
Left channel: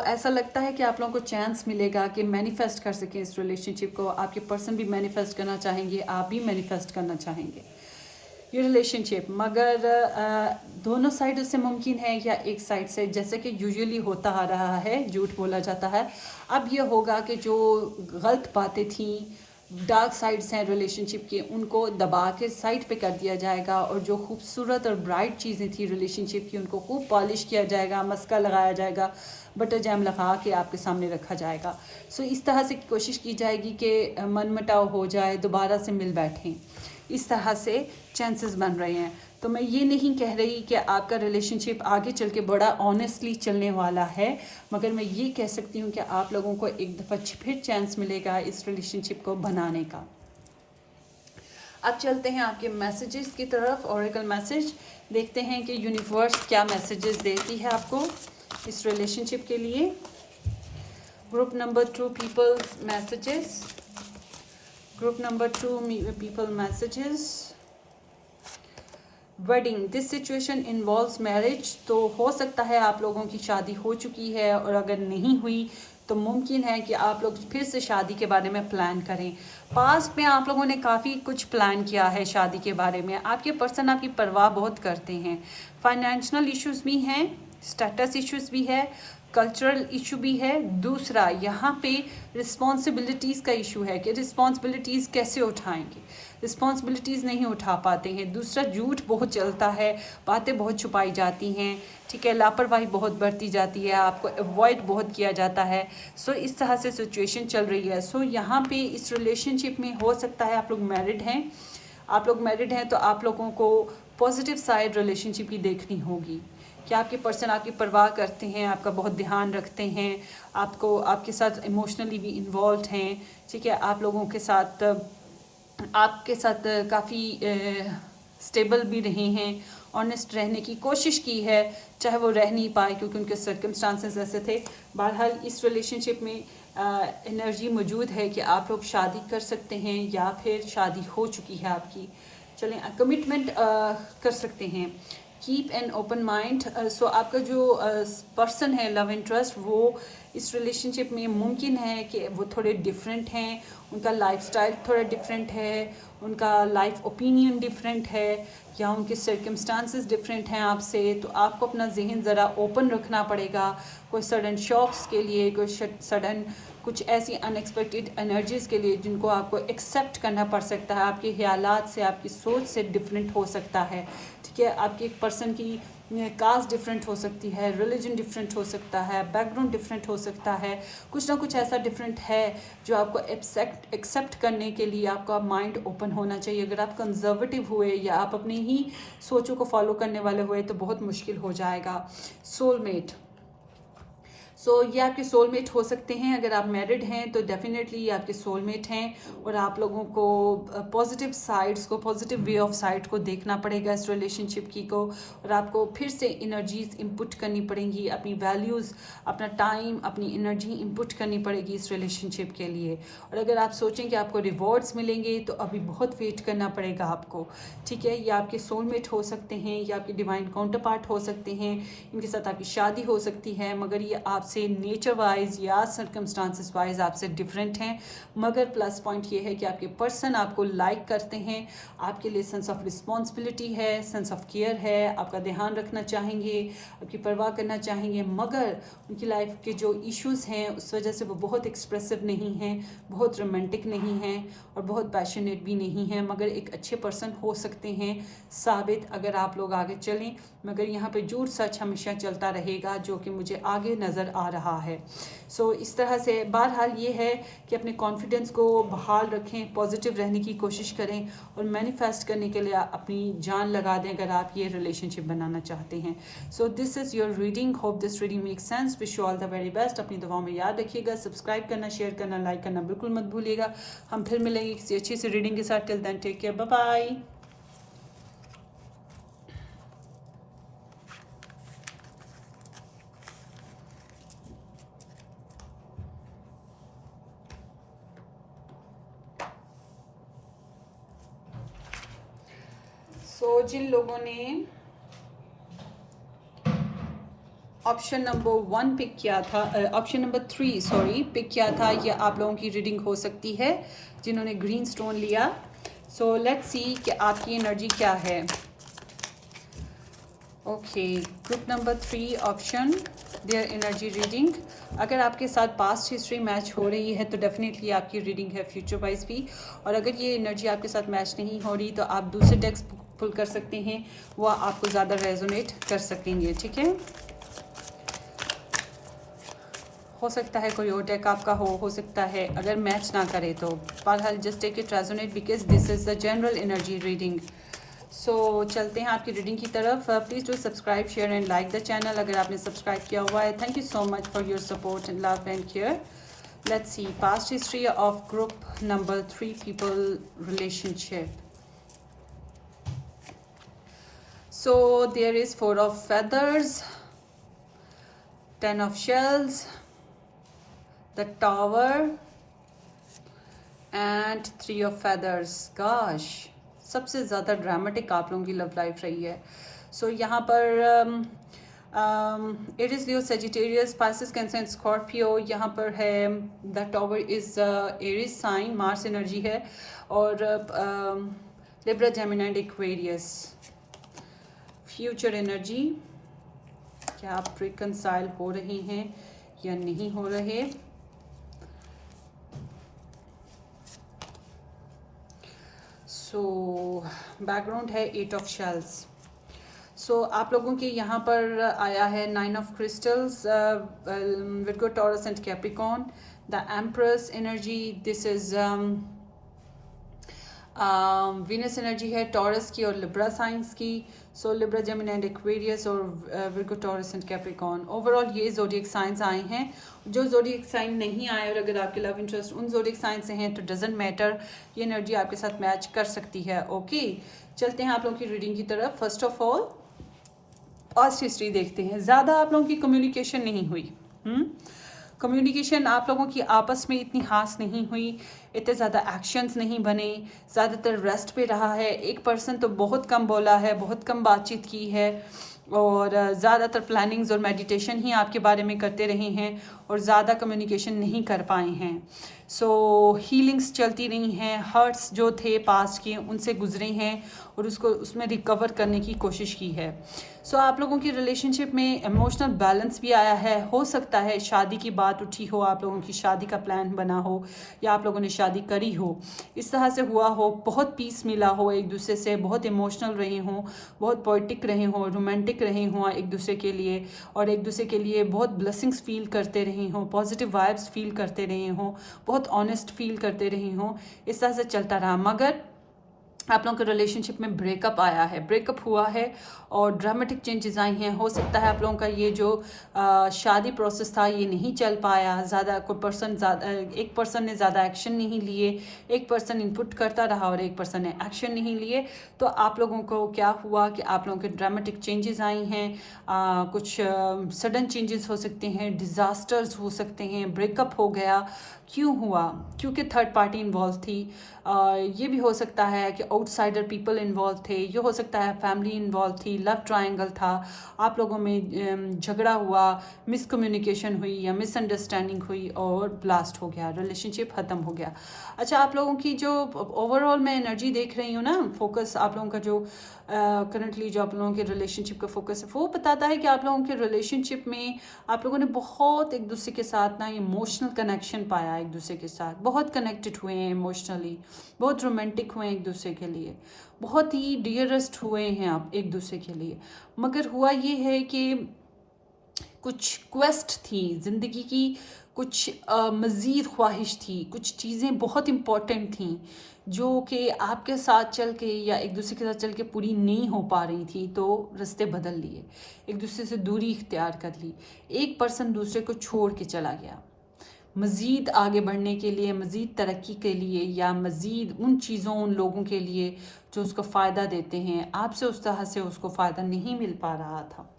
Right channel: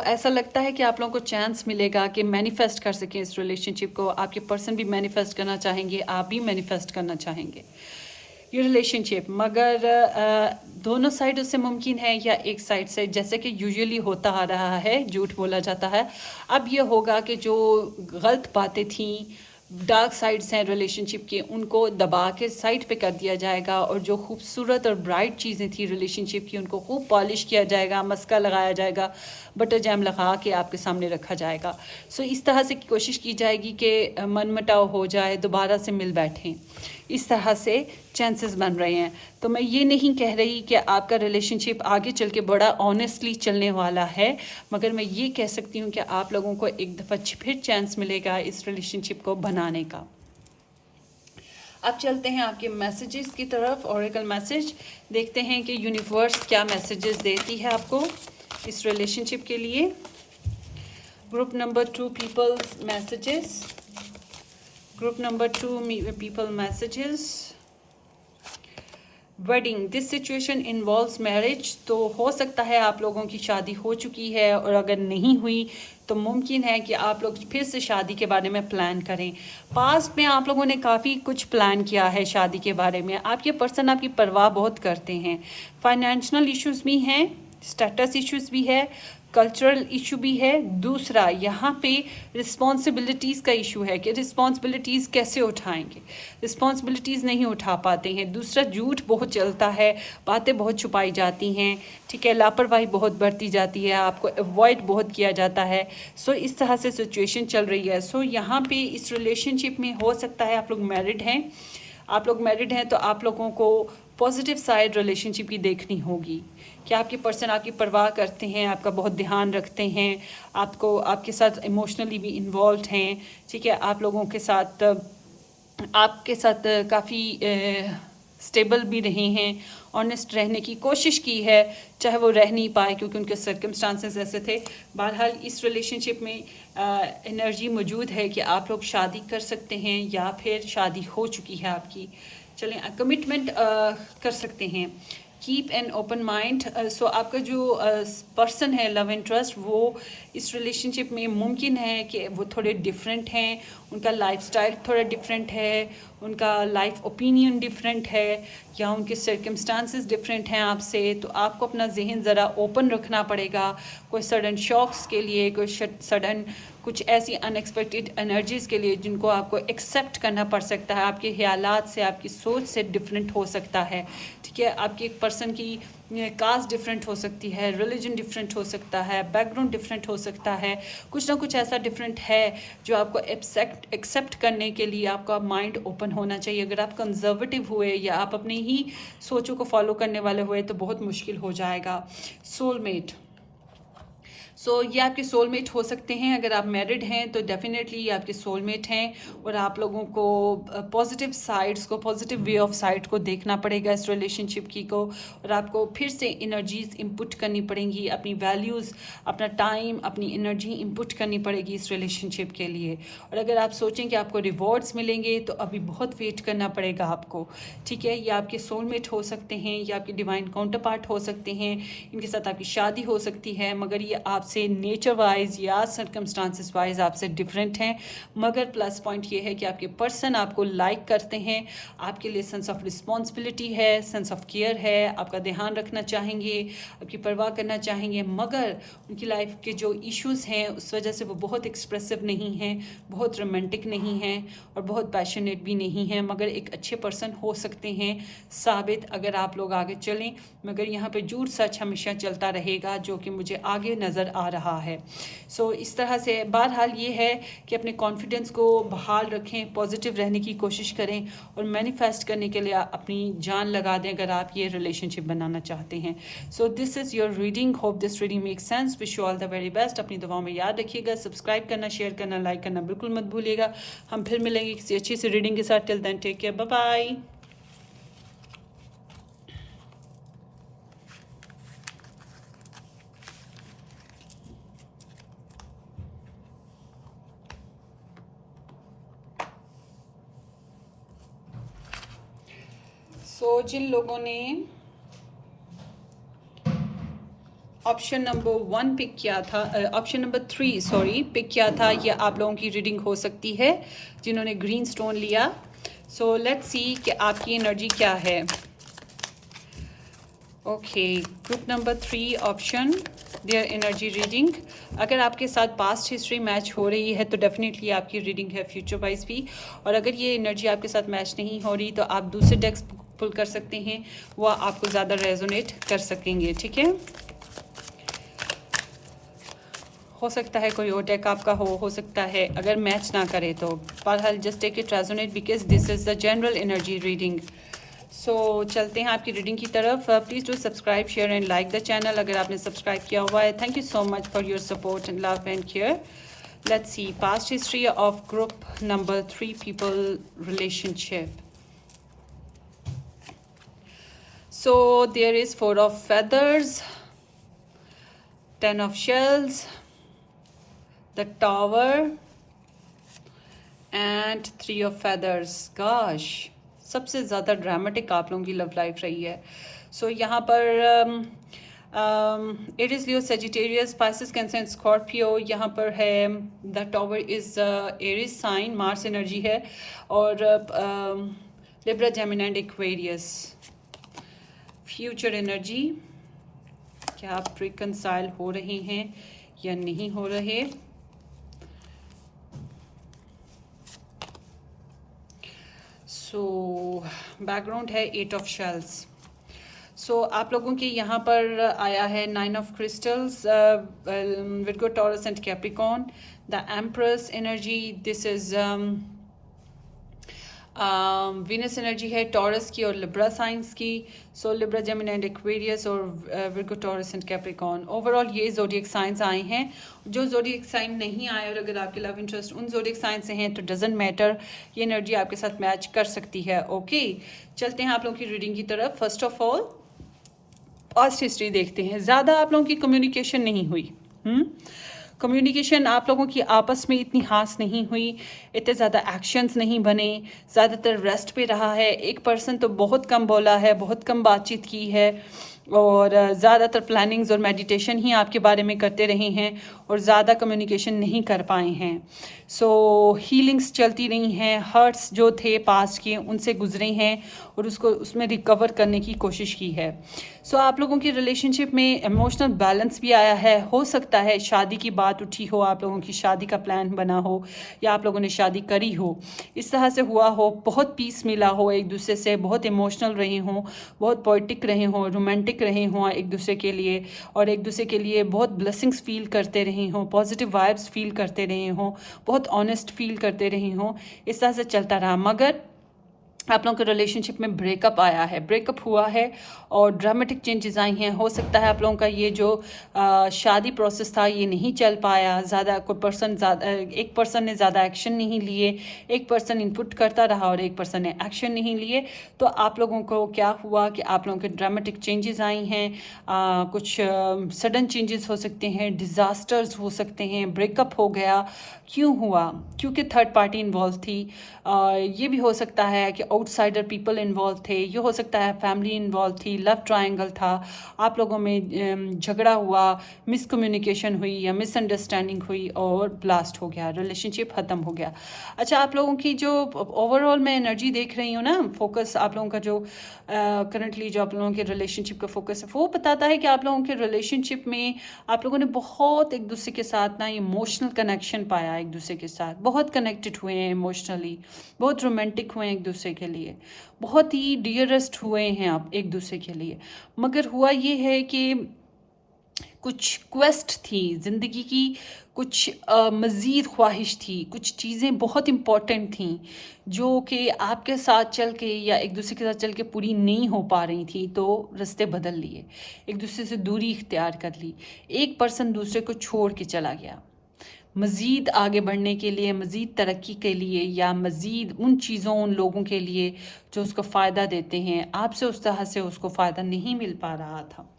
ऐसा लगता है कि आप लोगों को चांस मिलेगा कि मैनिफेस्ट कर सकें इस रिलेशनशिप को। आपके पर्सन भी मैनिफेस्ट करना चाहेंगे, आप भी मैनिफेस्ट करना चाहेंगे ये रिलेशनशिप। मगर दोनों साइड उससे मुमकिन है या एक साइड से, जैसे कि यूजुअली होता आ रहा है, झूठ बोला जाता है। अब ये होगा कि जो गलत बातें थी, डार्क साइड्स हैं रिलेशनशिप के, उनको दबा के साइड पे कर दिया जाएगा, और जो खूबसूरत और ब्राइट चीज़ें थी रिलेशनशिप की, उनको खूब पॉलिश किया जाएगा, मस्का लगाया जाएगा, बटर जैम लगा के आपके सामने रखा जाएगा। इस तरह से कोशिश की जाएगी कि मनमुटाव हो जाए, दोबारा से मिल बैठें। इस तरह से चांसेस बन रहे हैं। तो मैं ये नहीं कह रही कि आपका रिलेशनशिप आगे चल के बड़ा ऑनेस्टली चलने वाला है, मगर मैं ये कह सकती हूँ कि आप लोगों को एक दफ़ा फिर चांस मिलेगा इस रिलेशनशिप को बनाने का। अब चलते हैं आपके मैसेजेस की तरफ। ऑरेकल मैसेज देखते हैं कि यूनिवर्स क्या मैसेजेस देती है आपको इस रिलेशनशिप के लिए। Group number 2 peoples messages, group number 2 people messages। Wedding, this situation involves marriage. तो हो सकता है आप लोगों की शादी हो चुकी है, और अगर नहीं हुई तो मुमकिन है कि आप लोग फिर से शादी के बारे में प्लान करें। पास्ट में आप लोगों ने काफ़ी कुछ प्लान किया है शादी के बारे में। आपके पर्सन आपकी परवाह बहुत करते हैं। फाइनेंशियल इश्यूज भी हैं, स्टेटस इश्यूज भी है, कल्चरल इशू भी है। दूसरा, यहाँ पे रिस्पॉन्सिबिलिटीज़ का इशू है कि रिस्पॉन्सिबिलिटीज़ कैसे उठाएंगे, रिस्पॉन्सिबिलिटीज़ नहीं उठा पाते हैं। दूसरा, झूठ बहुत चलता है, बातें बहुत छुपाई जाती हैं, ठीक है, लापरवाही बहुत बढ़ती जाती है, आपको अवॉइड बहुत किया जाता है। इस तरह से सिचुएशन चल रही है। यहाँ पे इस रिलेशनशिप में हो सकता है आप लोग मैरिड हैं, तो आप लोगों को पॉजिटिव साइड रिलेशनशिप की देखनी होगी कि आपके पर्सन आपकी परवाह करते हैं, आपका बहुत ध्यान रखते हैं, आपको आपके साथ इमोशनली भी इन्वॉल्व हैं, ठीक है, आप लोगों के साथ आपके साथ काफ़ी स्टेबल भी रहे हैं, ऑनेस्ट रहने की कोशिश की है, चाहे वो रह नहीं पाए क्योंकि उनके सर्कमस्टांसेस ऐसे थे। बहरहाल इस रिलेशनशिप में एनर्जी मौजूद है कि आप लोग शादी कर सकते हैं या फिर शादी हो चुकी है आपकी। चलें, कमिटमेंट कर सकते हैं। Keep an open mind. आपका जो पर्सन है लव इंटरेस्ट, वो इस रिलेशनशिप में मुमकिन है कि वो थोड़े डिफरेंट हैं, उनका लाइफस्टाइल थोड़ा डिफरेंट है, उनका लाइफ ओपिनियन डिफरेंट है, या उनके सर्कमस्टांसेस डिफरेंट हैं आपसे। तो आपको अपना जहन ज़रा ओपन रखना पड़ेगा कोई सडन शॉक्स के लिए, कोई सडन कुछ ऐसी अनएक्सपेक्टेड एनर्जीज़ के लिए जिनको आपको एक्सेप्ट करना पड़ सकता है। आपके ख्यालात से, आपकी सोच से डिफरेंट हो सकता है, ठीक है, आपके एक पर्सन की कास्ट डिफरेंट हो सकती है, रिलीजन डिफरेंट हो सकता है, बैकग्राउंड डिफरेंट हो सकता है, कुछ ना कुछ ऐसा डिफरेंट है जो आपको एक्सेप्ट करने के लिए आपका माइंड ओपन होना चाहिए। अगर आप कंजर्वेटिव हुए या आप अपनी ही सोचों को फॉलो करने वाले हुए तो बहुत मुश्किल हो जाएगा। सोलमेट, ये आपके सोलमेट हो सकते हैं। अगर आप मैरिड हैं तो डेफिनेटली ये आपके सोलमेट हैं, और आप लोगों को पॉजिटिव साइड्स को, पॉजिटिव वे ऑफ साइड को देखना पड़ेगा इस रिलेशनशिप की को, और आपको फिर से एनर्जीज इनपुट करनी पड़ेंगी, अपनी वैल्यूज़, अपना टाइम, अपनी एनर्जी इनपुट करनी पड़ेगी इस रिलेशनशिप के लिए। और अगर आप सोचें कि आपको रिवॉर्ड्स मिलेंगे तो अभी बहुत वेट करना पड़ेगा आपको, ठीक है। ये आपके सोलमेट हो सकते हैं, या आपके डिवाइन काउंटर पार्ट हो सकते हैं, इनके साथ आपकी शादी हो सकती है, मगर ये आपसे नेचर वाइज या सर्कमस्टांसिस वाइज आपसे डिफरेंट हैं। मगर प्लस पॉइंट ये है कि आपके पर्सन आपको लाइक करते हैं, आपके लिए सेंस ऑफ रिस्पॉन्सिबिलिटी है, सेंस ऑफ केयर है, आपका ध्यान रखना चाहेंगे, आपकी परवाह करना चाहेंगे। मगर उनकी लाइफ के जो इश्यूज़ हैं उस वजह से वो बहुत एक्सप्रेसिव नहीं हैं, बहुत रोमांटिक नहीं हैं, और बहुत पैशनेट भी नहीं हैं, मगर एक अच्छे पर्सन हो सकते हैं साबित अगर आप लोग आगे चलें। मगर यहाँ पे झूठ सच हमेशा चलता रहेगा, जो कि मुझे आगे नज़र आ रहा है। इस तरह से बहरहाल ये है कि अपने कॉन्फिडेंस को बहाल रखें, पॉजिटिव रहने की कोशिश करें, और मैनिफेस्ट करने के लिए अपनी जान लगा दें अगर आप ये रिलेशनशिप बनाना चाहते हैं। This is your reading, hope this reading make sense, wish you all the very best. अपनी दुआओं में याद रखिएगा, सब्सक्राइब करना, शेयर करना, लाइक करना बिल्कुल मत भूलिएगा। हम फिर मिलेंगे किसी अच्छी सी रीडिंग के साथ। Till then take care, bye bye. जिन लोगों ने ऑप्शन नंबर 1 पिक किया था, ऑप्शन नंबर 3 सॉरी पिक किया था, ये आप लोगों की रीडिंग हो सकती है जिन्होंने ग्रीन स्टोन लिया। लेट्स सी कि आपकी एनर्जी क्या है। Okay, group number 3 option, their energy reading. अगर आपके साथ पास्ट हिस्ट्री मैच हो रही है तो डेफिनेटली आपकी रीडिंग है फ्यूचर वाइज भी, और अगर ये एनर्जी आपके साथ मैच नहीं हो रही तो आप दूसरे डेक्स पुल कर सकते हैं, वो आपको ज़्यादा रेजोनेट कर सकेंगे, ठीक है। हो सकता है कोई और डेक आपका हो सकता है अगर मैच ना करे तो, बहरहाल just take it resonate because this is the general energy reading. चलते हैं आपकी रीडिंग की तरफ। Please do subscribe, share and like the channel अगर आपने सब्सक्राइब किया हुआ है। Thank you so much for your support and love and care. Let's see past history of group number 3 people relationship. There is 4 of feathers, 10 of shells, the tower and 3 of feathers. Gosh, सबसे ज़्यादा ड्रामेटिक आप लोगों की लव लाइफ रही है। यहाँ पर Aries, Leo, Sagittarius, Pisces, Cancer and Scorpio. यहाँ पर है the tower is Aries sign, Mars energy है, और Libra, Gemini and Aquarius. Future energy, क्या आप रिकंसाइल हो रहे हैं या नहीं हो रहे। बैकग्राउंड है 8 ऑफ शेल्स। आप लोगों के यहाँ पर आया है 9 of crystals, Virgo, Taurus and Capricorn, the empress energy. This is Venus energy है टॉरस की और लिब्रा साइंस की। लिब्रा, जेमिनी एंड एक्वेरियस, और Virgo, Taurus and Capricorn. Overall ये जोडिएक साइंस आए हैं। जो जोडिएक साइन नहीं आए और अगर आपके लव इंटरेस्ट उन जोडिएक साइन से हैं तो डजेंट मैटर, ये एनर्जी आपके साथ मैच कर सकती है। ओके, चलते हैं आप लोगों की रीडिंग की तरफ। First of all past history देखते हैं। ज़्यादा आप लोगों की कम्युनिकेशन नहीं हुई, कम्युनिकेशन आप लोगों की आपस में इतनी खास नहीं हुई, इतने ज़्यादा एक्शंस नहीं बने, ज़्यादातर रेस्ट पे रहा है। एक पर्सन तो बहुत कम बोला है, बहुत कम बातचीत की है, और ज़्यादातर प्लानिंग्स और मेडिटेशन ही आपके बारे में करते रहे हैं, और ज़्यादा कम्युनिकेशन नहीं कर पाए हैं। हीलिंग्स चलती रही हैं, हर्ट्स जो थे पास्ट के उनसे गुजरे हैं, और उसमें रिकवर करने की कोशिश की है। आप लोगों की रिलेशनशिप में इमोशनल बैलेंस भी आया है। हो सकता है शादी की बात उठी हो, आप लोगों की शादी का प्लान बना हो, या आप लोगों ने शादी करी हो, इस तरह से हुआ हो, बहुत पीस मिला हो एक दूसरे से, बहुत इमोशनल रहे हों, बहुत पोइटिक रहे हों, रोमांटिक रहे हों एक दूसरे के लिए, और एक दूसरे के लिए बहुत ब्लेसिंग्स फील करते रहे हों, पॉजिटिव वाइब्स फील करते रहे हों, बहुत ऑनेस्ट फील करते रहे हों। इस तरह से चलता रहा। मगर आप लोगों के रिलेशनशिप में ब्रेकअप आया है, ब्रेकअप हुआ है और ड्रामेटिक चेंजेस आई हैं। हो सकता है आप लोगों का ये जो शादी प्रोसेस था ये नहीं चल पाया, ज़्यादा कोई पर्सन ज़्यादा, एक पर्सन ने ज़्यादा एक्शन नहीं लिए, एक पर्सन इनपुट करता रहा और एक पर्सन ने एक्शन नहीं लिए। तो आप लोगों को क्या हुआ कि आप लोगों के ड्रामेटिक चेंजेस आई हैं, कुछ सडन चेंजेस हो सकते हैं, डिज़ास्टर्स हो सकते हैं, ब्रेकअप हो गया। क्यों हुआ? क्योंकि थर्ड पार्टी इन्वॉल्व थी। ये भी हो सकता है कि आउटसाइडर पीपल इन्वॉल्व थे, ये हो सकता है फैमिली इन्वॉल्व थी, लव ट्रायंगल था, आप लोगों में झगड़ा हुआ, मिसकम्युनिकेशन हुई या मिसअंडरस्टैंडिंग हुई और ब्लास्ट हो गया, रिलेशनशिप ख़त्म हो गया। अच्छा, आप लोगों की जो ओवरऑल मैं एनर्जी देख रही हूँ ना, फोकस आप लोगों का जो करंटली जो आप लोगों के रिलेशनशिप का फोकस है वो बताता है कि आप लोगों के रिलेशनशिप में आप लोगों ने बहुत एक दूसरे के साथ ना इमोशनल कनेक्शन पाया, एक दूसरे के साथ बहुत कनेक्टेड हुए हैं इमोशनली, बहुत रोमांटिक हुए हैं एक दूसरे के लिए, बहुत ही डियरेस्ट हुए हैं आप एक दूसरे के लिए। मगर हुआ ये है कि कुछ क्वेस्ट थी ज़िंदगी की, कुछ मज़ीद ख्वाहिश थी, कुछ चीज़ें बहुत इम्पॉर्टेंट थीं जो कि आपके साथ चल के या एक दूसरे के साथ चल के पूरी नहीं हो पा रही थी, तो रास्ते बदल लिए, एक दूसरे से दूरी इख्तियार कर ली, एक पर्सन दूसरे को छोड़ के चला गया। मज़ीद आगे बढ़ने के लिए, मज़ीद तरक्की के लिए या मज़ीद उन चीज़ों उन लोगों के लिए जो उसको फ़ायदा देते हैं, आपसे उस तरह से उसको फ़ायदा नहीं मिल पा रहा था।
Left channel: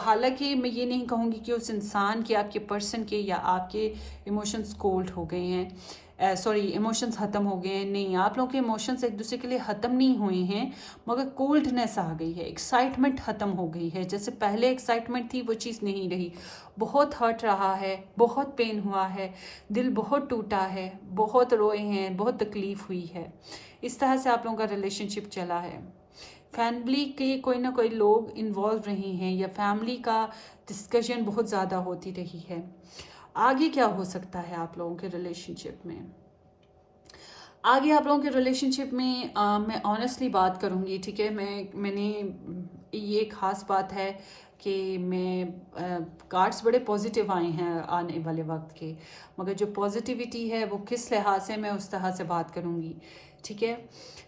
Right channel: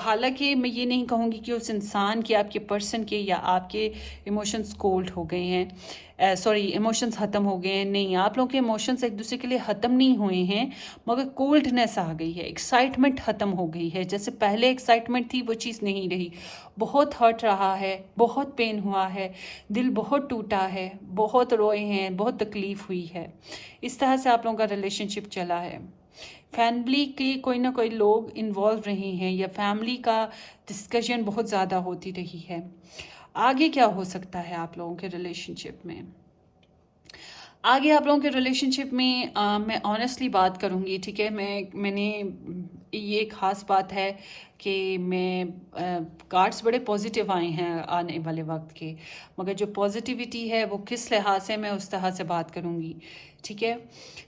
हालांकि मैं ये नहीं कहूँगी कि उस इंसान के, आपके पर्सन के या आपके इमोशंस कोल्ड हो गए हैं, सॉरी इमोशंस ख़त्म हो गए हैं, नहीं, आप लोगों के इमोशंस एक दूसरे के लिए ख़त्म नहीं हुए हैं, मगर कोल्डनेस आ गई है, एक्साइटमेंट ख़त्म हो गई है। जैसे पहले एक्साइटमेंट थी वो चीज़ नहीं रही, बहुत हर्ट रहा है, बहुत पेन हुआ है, दिल बहुत टूटा है, बहुत रोए हैं, बहुत तकलीफ़ हुई है। इस तरह से आप लोगों का रिलेशनशिप चला है। फैमिली के कोई ना कोई लोग इन्वॉल्व रहे हैं या फैमिली का डिस्कशन बहुत ज़्यादा होती रही है। आगे क्या हो सकता है आप लोगों के रिलेशनशिप में? आगे आप लोगों के रिलेशनशिप में मैं ऑनेस्टली बात करूँगी, ठीक है। मैंने ये ख़ास बात है कि मैं कार्ड्स बड़े पॉजिटिव आए हैं आने वाले वक्त के, मगर जो पॉजिटिविटी है वो किस लिहाज से, मैं उस तरह से बात करूँगी, ठीक है।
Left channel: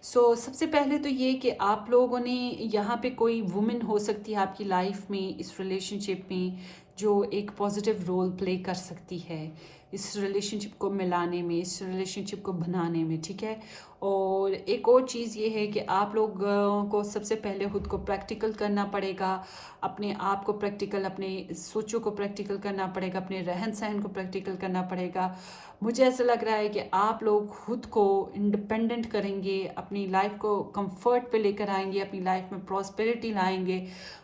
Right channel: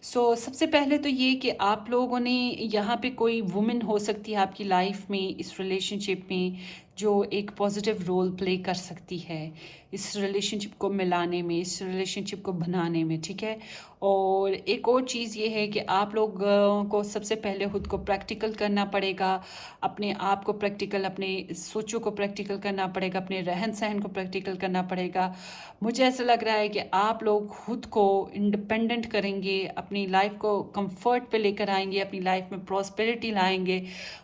सबसे पहले तो ये कि आप लोगों ने यहाँ पे कोई वुमेन हो सकती है आपकी लाइफ में, इस रिलेशनशिप में, जो एक पॉजिटिव रोल प्ले कर सकती है इस रिलेशनशिप को मिलाने में, इस रिलेशनशिप को बनाने में, ठीक है। और एक और चीज़ ये है कि आप लोग को सबसे पहले खुद को प्रैक्टिकल करना पड़ेगा, अपने आप को प्रैक्टिकल, अपने सोचों को प्रैक्टिकल करना पड़ेगा, अपने रहन सहन को प्रैक्टिकल करना पड़ेगा। मुझे ऐसा लग रहा है कि आप लोग खुद को इंडिपेंडेंट करेंगे, अपनी लाइफ को कंफर्ट पे लेकर आएंगे, अपनी लाइफ में प्रॉस्पेरिटी लाएंगे,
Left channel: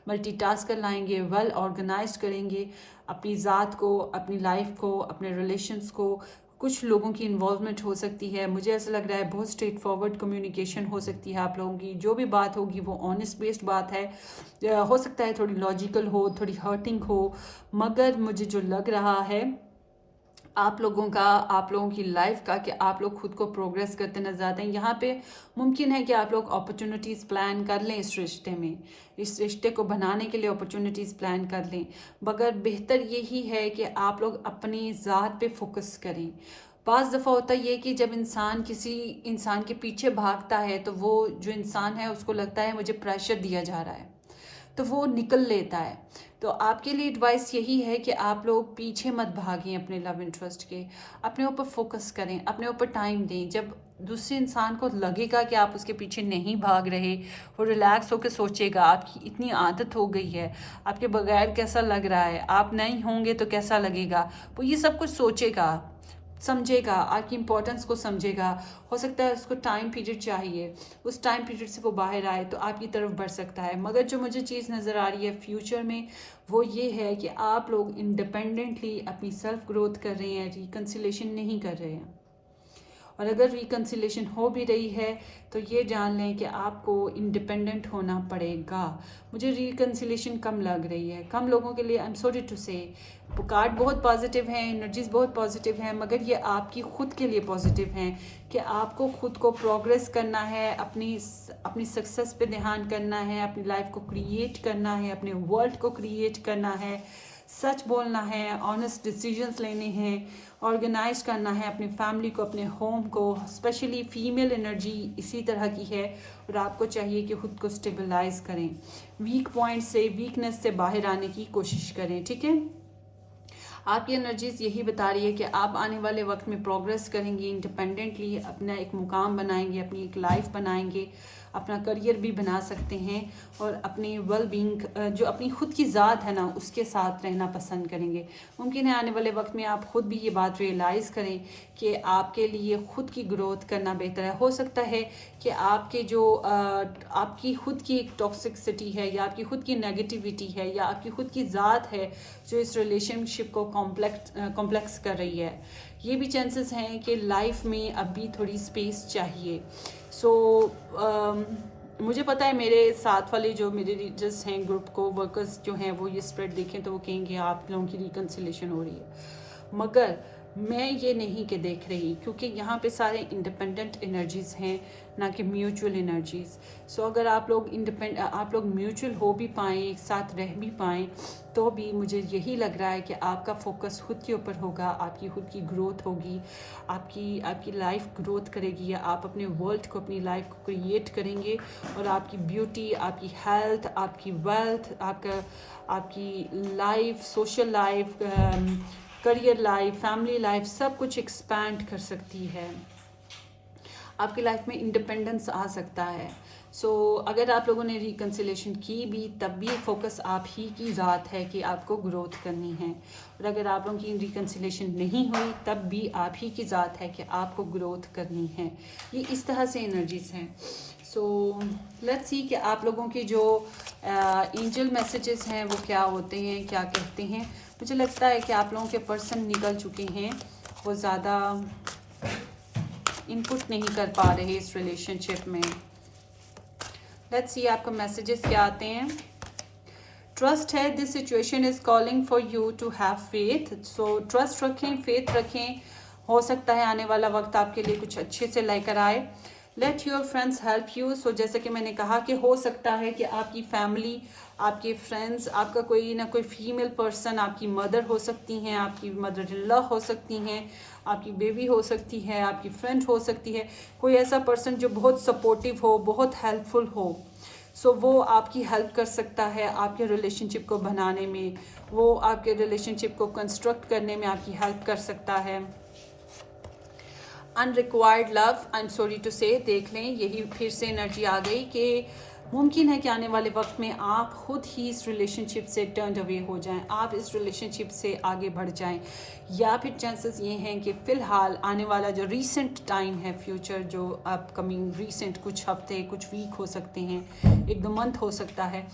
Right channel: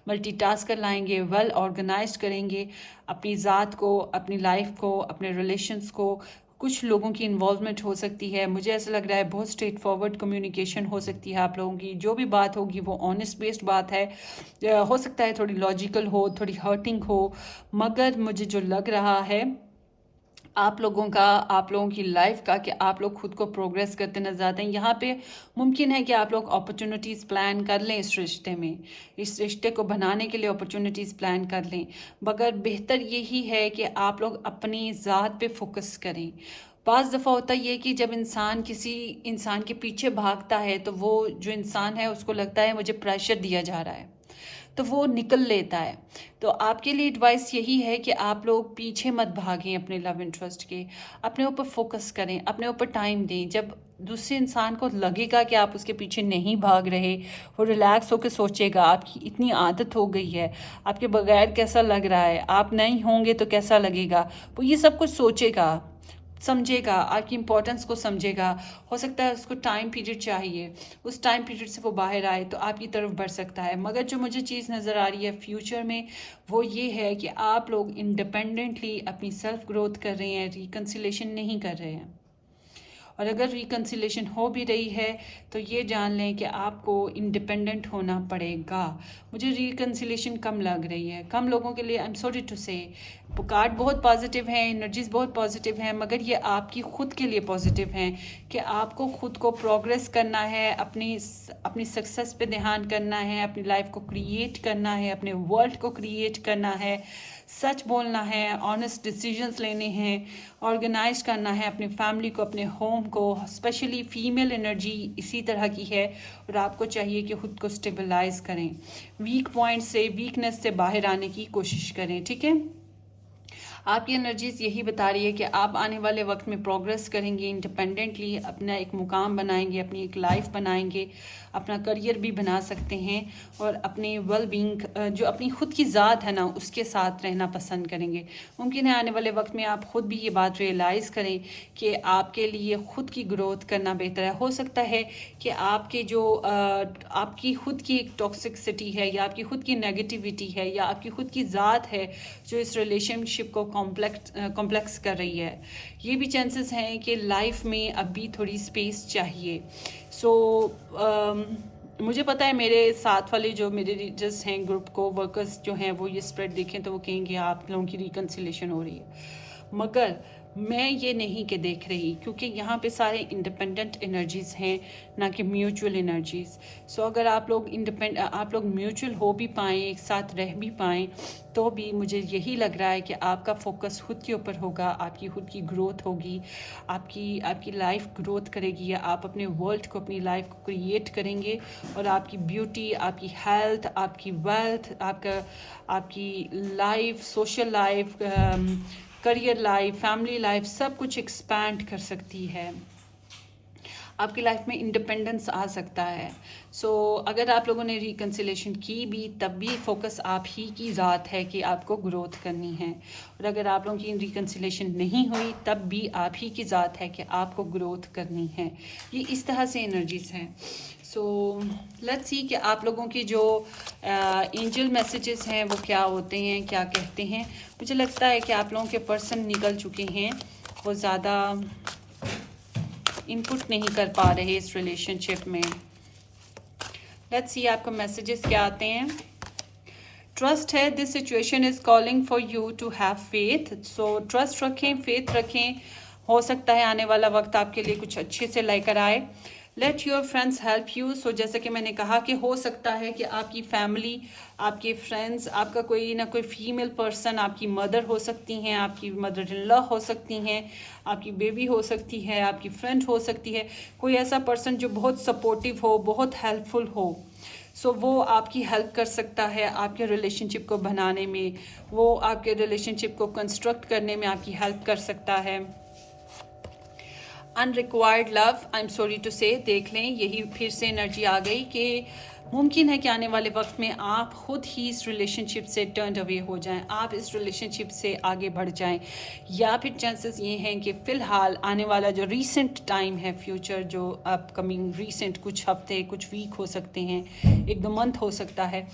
मल्टीटास्कर लाएंगे, वेल ऑर्गेनाइज्ड करेंगे अपनी ज़ात को, अपनी लाइफ को, अपने रिलेशंस को। कुछ लोगों की इन्वॉल्वमेंट हो सकती है, मुझे ऐसा लग रहा है बहुत स्ट्रेट फॉरवर्ड कम्युनिकेशन हो सकती है आप लोगों की, जो भी बात होगी वो ऑनेस्ट बेस्ड बात है। हो सकता है थोड़ी लॉजिकल हो, थोड़ी हर्टिंग हो, मगर मुझे जो लग रहा है आप लोगों का, आप लोगों की लाइफ का, कि आप लोग खुद को प्रोग्रेस करते नजर आते हैं। यहाँ पे मुमकिन है कि आप लोग अपॉर्चुनिटीज़ प्लान कर लें इस रिश्ते में, इस रिश्ते को बनाने के लिए अपॉर्चुनिटीज़ प्लान कर लें, मगर बेहतर यही है कि आप लोग अपनी ज़ात पे फोकस करें। बाज़ दफ़ा होता ये कि जब इंसान किसी इंसान के पीछे भागता है तो वो जो इंसान है उसको लगता है मुझे प्रेशर दिया जा रहा है, तो वो निकल लेता है। तो आपके लिए एडवाइस यही है कि आप लोग पीछे मत भागें अपने लव इंटरेस्ट के, अपने ऊपर फोकस करें, अपने ऊपर टाइम दें। जब दूसरे इंसान को लगेगा कि आप उसके पीछे नहीं भाग रहे, वो रिलैक्स होकर सोचेगा आपकी इतनी आदत हो गई है, आपके बगैर कैसा लग रहा है, आप नहीं होंगे तो कैसा लगेगा, वो ये सब कुछ सोचेगा, समझेगा, आपकी इम्पोर्टेंस को समझेगा। हो सकता है उसको टाइम पीरियड चाहिए, उस टाइम पीरियड से वो बाहर आए तो आपकी तरफ बढ़ सकता है। मगर जो मुझे चीज़ नज़र आ रही है फ्यूचर में वो ये है कि आप लोग इंडिपेंडेंटली अपनी सेल्फ ग्रोथ कर रहे हैं, रिकन्सिलेशन नहीं कर रहे हैं। और अगर रिकन्सिलेशन हो भी रही है तो ये जान लें कि आपको इंडिपेंडेंट होना पड़ेगा। मुझे रिकन्सिलेशन कम लग रही है, कम लोगों के लिए। आई एम सॉरी टू से, कार्ड बहुत पॉजिटिव हैं, एनर्जीज बहुत पॉजिटिव हैं, मगर ये आपकी खुद के लिए पॉजिटिव हैं कि आपको खुद को प्रोग्रेस करना है, अपनी सक्सेस पे ध्यान करना है, अपनी लाइफ को क्रिएट करना है, अपने वर्ल्ड को क्रिएट करना है। सच बोलना है, ऑनेस्ट डिसीजंस लेने हैं, ऑर्गेनाइज करना है अपनी फैमिली को, अपने होम को। स्पेशली फीमेल एनर्जी इसी तरह की है और आपको चाहिए कि खुद को स्टेबलाइज करें, वीक पॉइंट से, वीकनेस से बाहर आने की कोशिश करें। ठीक है, आपकी एनर्जीज यही बता रही है कि आप आने वाले वक्त में प्रोग्रेस करेंगे, इंडिपेंडेंटली अपना एक मुकाम बनाएंगे, अपनी एक लाइफ बनाएंगे, अपना करियर भी बना सकते हैं और अपनी वेल बीइंग जो अपनी खुद की ज़ात है ना उसके साथ रहना पसंद करेंगे। मुमकिन है आने वाले वक्त में आप खुद भी ये बात रियलाइज़ करें कि आपके लिए खुद की ग्रोथ करना बेहतर है। हो सकता है कि आपके जो आपकी खुद की एक टॉक्सिसिटी है या आपकी खुद की नेगेटिविटी है या आपकी खुद की ज़ात है जो इस रिलेशनशिप को कॉम्प्लेक्स कर रही है। ये भी चांसेस हैं कि लाइफ में अभी थोड़ी स्पेस चाहिए। सो मुझे पता है मेरे साथ वाले जो मेरे रीडर्स हैं, ग्रुप को वर्कर्स जो हैं, वो ये स्प्रेड देखें तो वो कहेंगे आप लोगों की रिकन्सिलेशन हो रही है, मगर मैं ये नहीं कि देख रही, क्योंकि यहाँ पे सारे इंडिपेंडेंट एनर्जीज़ हैं ना कि म्यूचुअल एनर्जीज़। सो अगर आप लोग म्यूचुअल हो भी पाएँ, एक साथ रह भी पाएँ, तो भी मुझे यही लग रहा है कि आपका फोकस खुद के ऊपर होगा, आपकी खुद की ग्रोथ होगी, आपकी लाइफ ग्रोथ करेगी, या आप अपने वर्ल्ड को, अपनी लाइफ को क्रिएट करेंगे और आपकी ब्यूटी, आपकी हेल्थ, आपकी वेल्थ, आपकी life, social life, career life, family life, सब कुछ एक्सपैंड कर सकती है। आपकी लाइफ में इंडिपेंडेंस आ सकता है। सो अगर आप लोगों ने रिकन्सिलेशन की भी, तब भी फोकस आप ही की ज़ात है कि आपको ग्रोथ करनी है, और अगर आप लोगों की रिकन्सिलेशन नहीं हुई तब भी आप ही की ज़ात है कि आपको ग्रोथ करनी है। ये इस तरह से एनर्जीज़ हैं। सो लेट्स सी कि आप लोगों के जो एंजल मैसेजेस हैं वो क्या होते हैं, क्या कहते हैं। मुझे लगता है कि आप लोगों के पर्सन निकल चुके हैं, वो ज़्यादा इनपुट नहीं कर पा रहे इस रिलेशनशिप में। लेट्स सी आपको मैसेजेस क्या आते हैं। ट्रस्ट है, this situation is calling for you to have faith. So trust रखें, फेथ रखें, हो सकता है आने वाला वक्त आपके लिए कुछ अच्छे से लेकर आए। Let your friends help you. So जैसे कि मैंने कहा कि हो सकता है कि आपकी फैमिली, आपके फ्रेंड्स, आपका कोई ना कोई फीमेल पर्सन, आपकी मदर हो सकती हैं, आपकी मदर इन लॉ हो सकती हैं, आपकी बेबी हो सकती है, आपकी फ्रेंड हो सकती है, कोई ऐसा पर्सन जो बहुत सपोर्टिव हो, बहुत हेल्पफुल हो। सो वो आपकी हेल्प कर सकता है आपके रिलेशनशिप को बनाने में, वो आपके रिलेशनशिप को कंस्ट्रक्ट करने में आपकी हेल्प कर सकता है। Unrequired love, I am sorry to say, देख लें यही फिर से एनर्जी आ गई कि मुमकिन है कि आने वाले वक्त में आप खुद ही इस रिलेशनशिप से टर्न अवे हो जाएं, आप इस रिलेशनशिप से आगे बढ़ जाएं, या फिर चांसेस ये हैं कि फ़िलहाल आने वाला जो रीसेंट टाइम है, फ्यूचर जो अपकमिंग रीसेंट कुछ हफ्ते, कुछ वीक हो सकते हैं, 1-2 मंथ हो सकता है,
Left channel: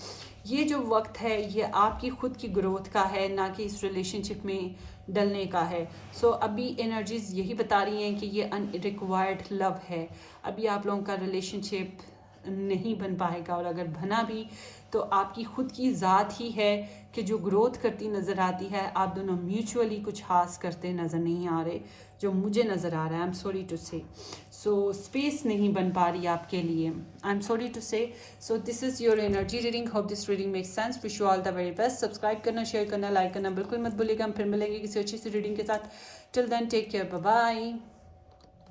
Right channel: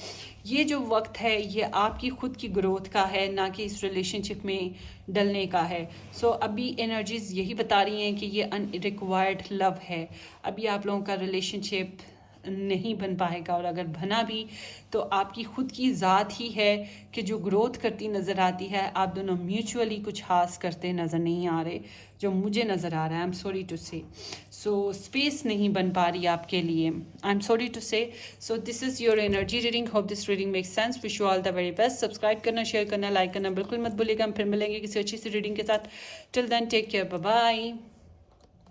ये जो वक्त है ये आपकी खुद की ग्रोथ का है, ना कि इस रिलेशनशिप में डलने का है। सो अभी एनर्जीज यही बता रही हैं कि ये अनरिक्वायर्ड लव है। अभी आप लोगों का रिलेशनशिप नहीं बन पाएगा, और अगर बना भी तो आपकी खुद की ज़ात ही है कि जो ग्रोथ करती नज़र आती है। आप दोनों म्यूचुअली कुछ खास करते नज़र नहीं आ रहे, जो मुझे नज़र आ रहा है। आई एम सॉरी टू से। सो स्पेस नहीं बन पा रही आपके लिए, आई एम सॉरी टू से। So this is your energy reading. Hope this reading makes sense. Wish you all the very best. Subscribe करना, शेयर करना, लाइक करना बिल्कुल मत भूलिएगा। हम फिर मिलेंगे किसी अच्छी सी रीडिंग के साथ। Till then take care, bye bye.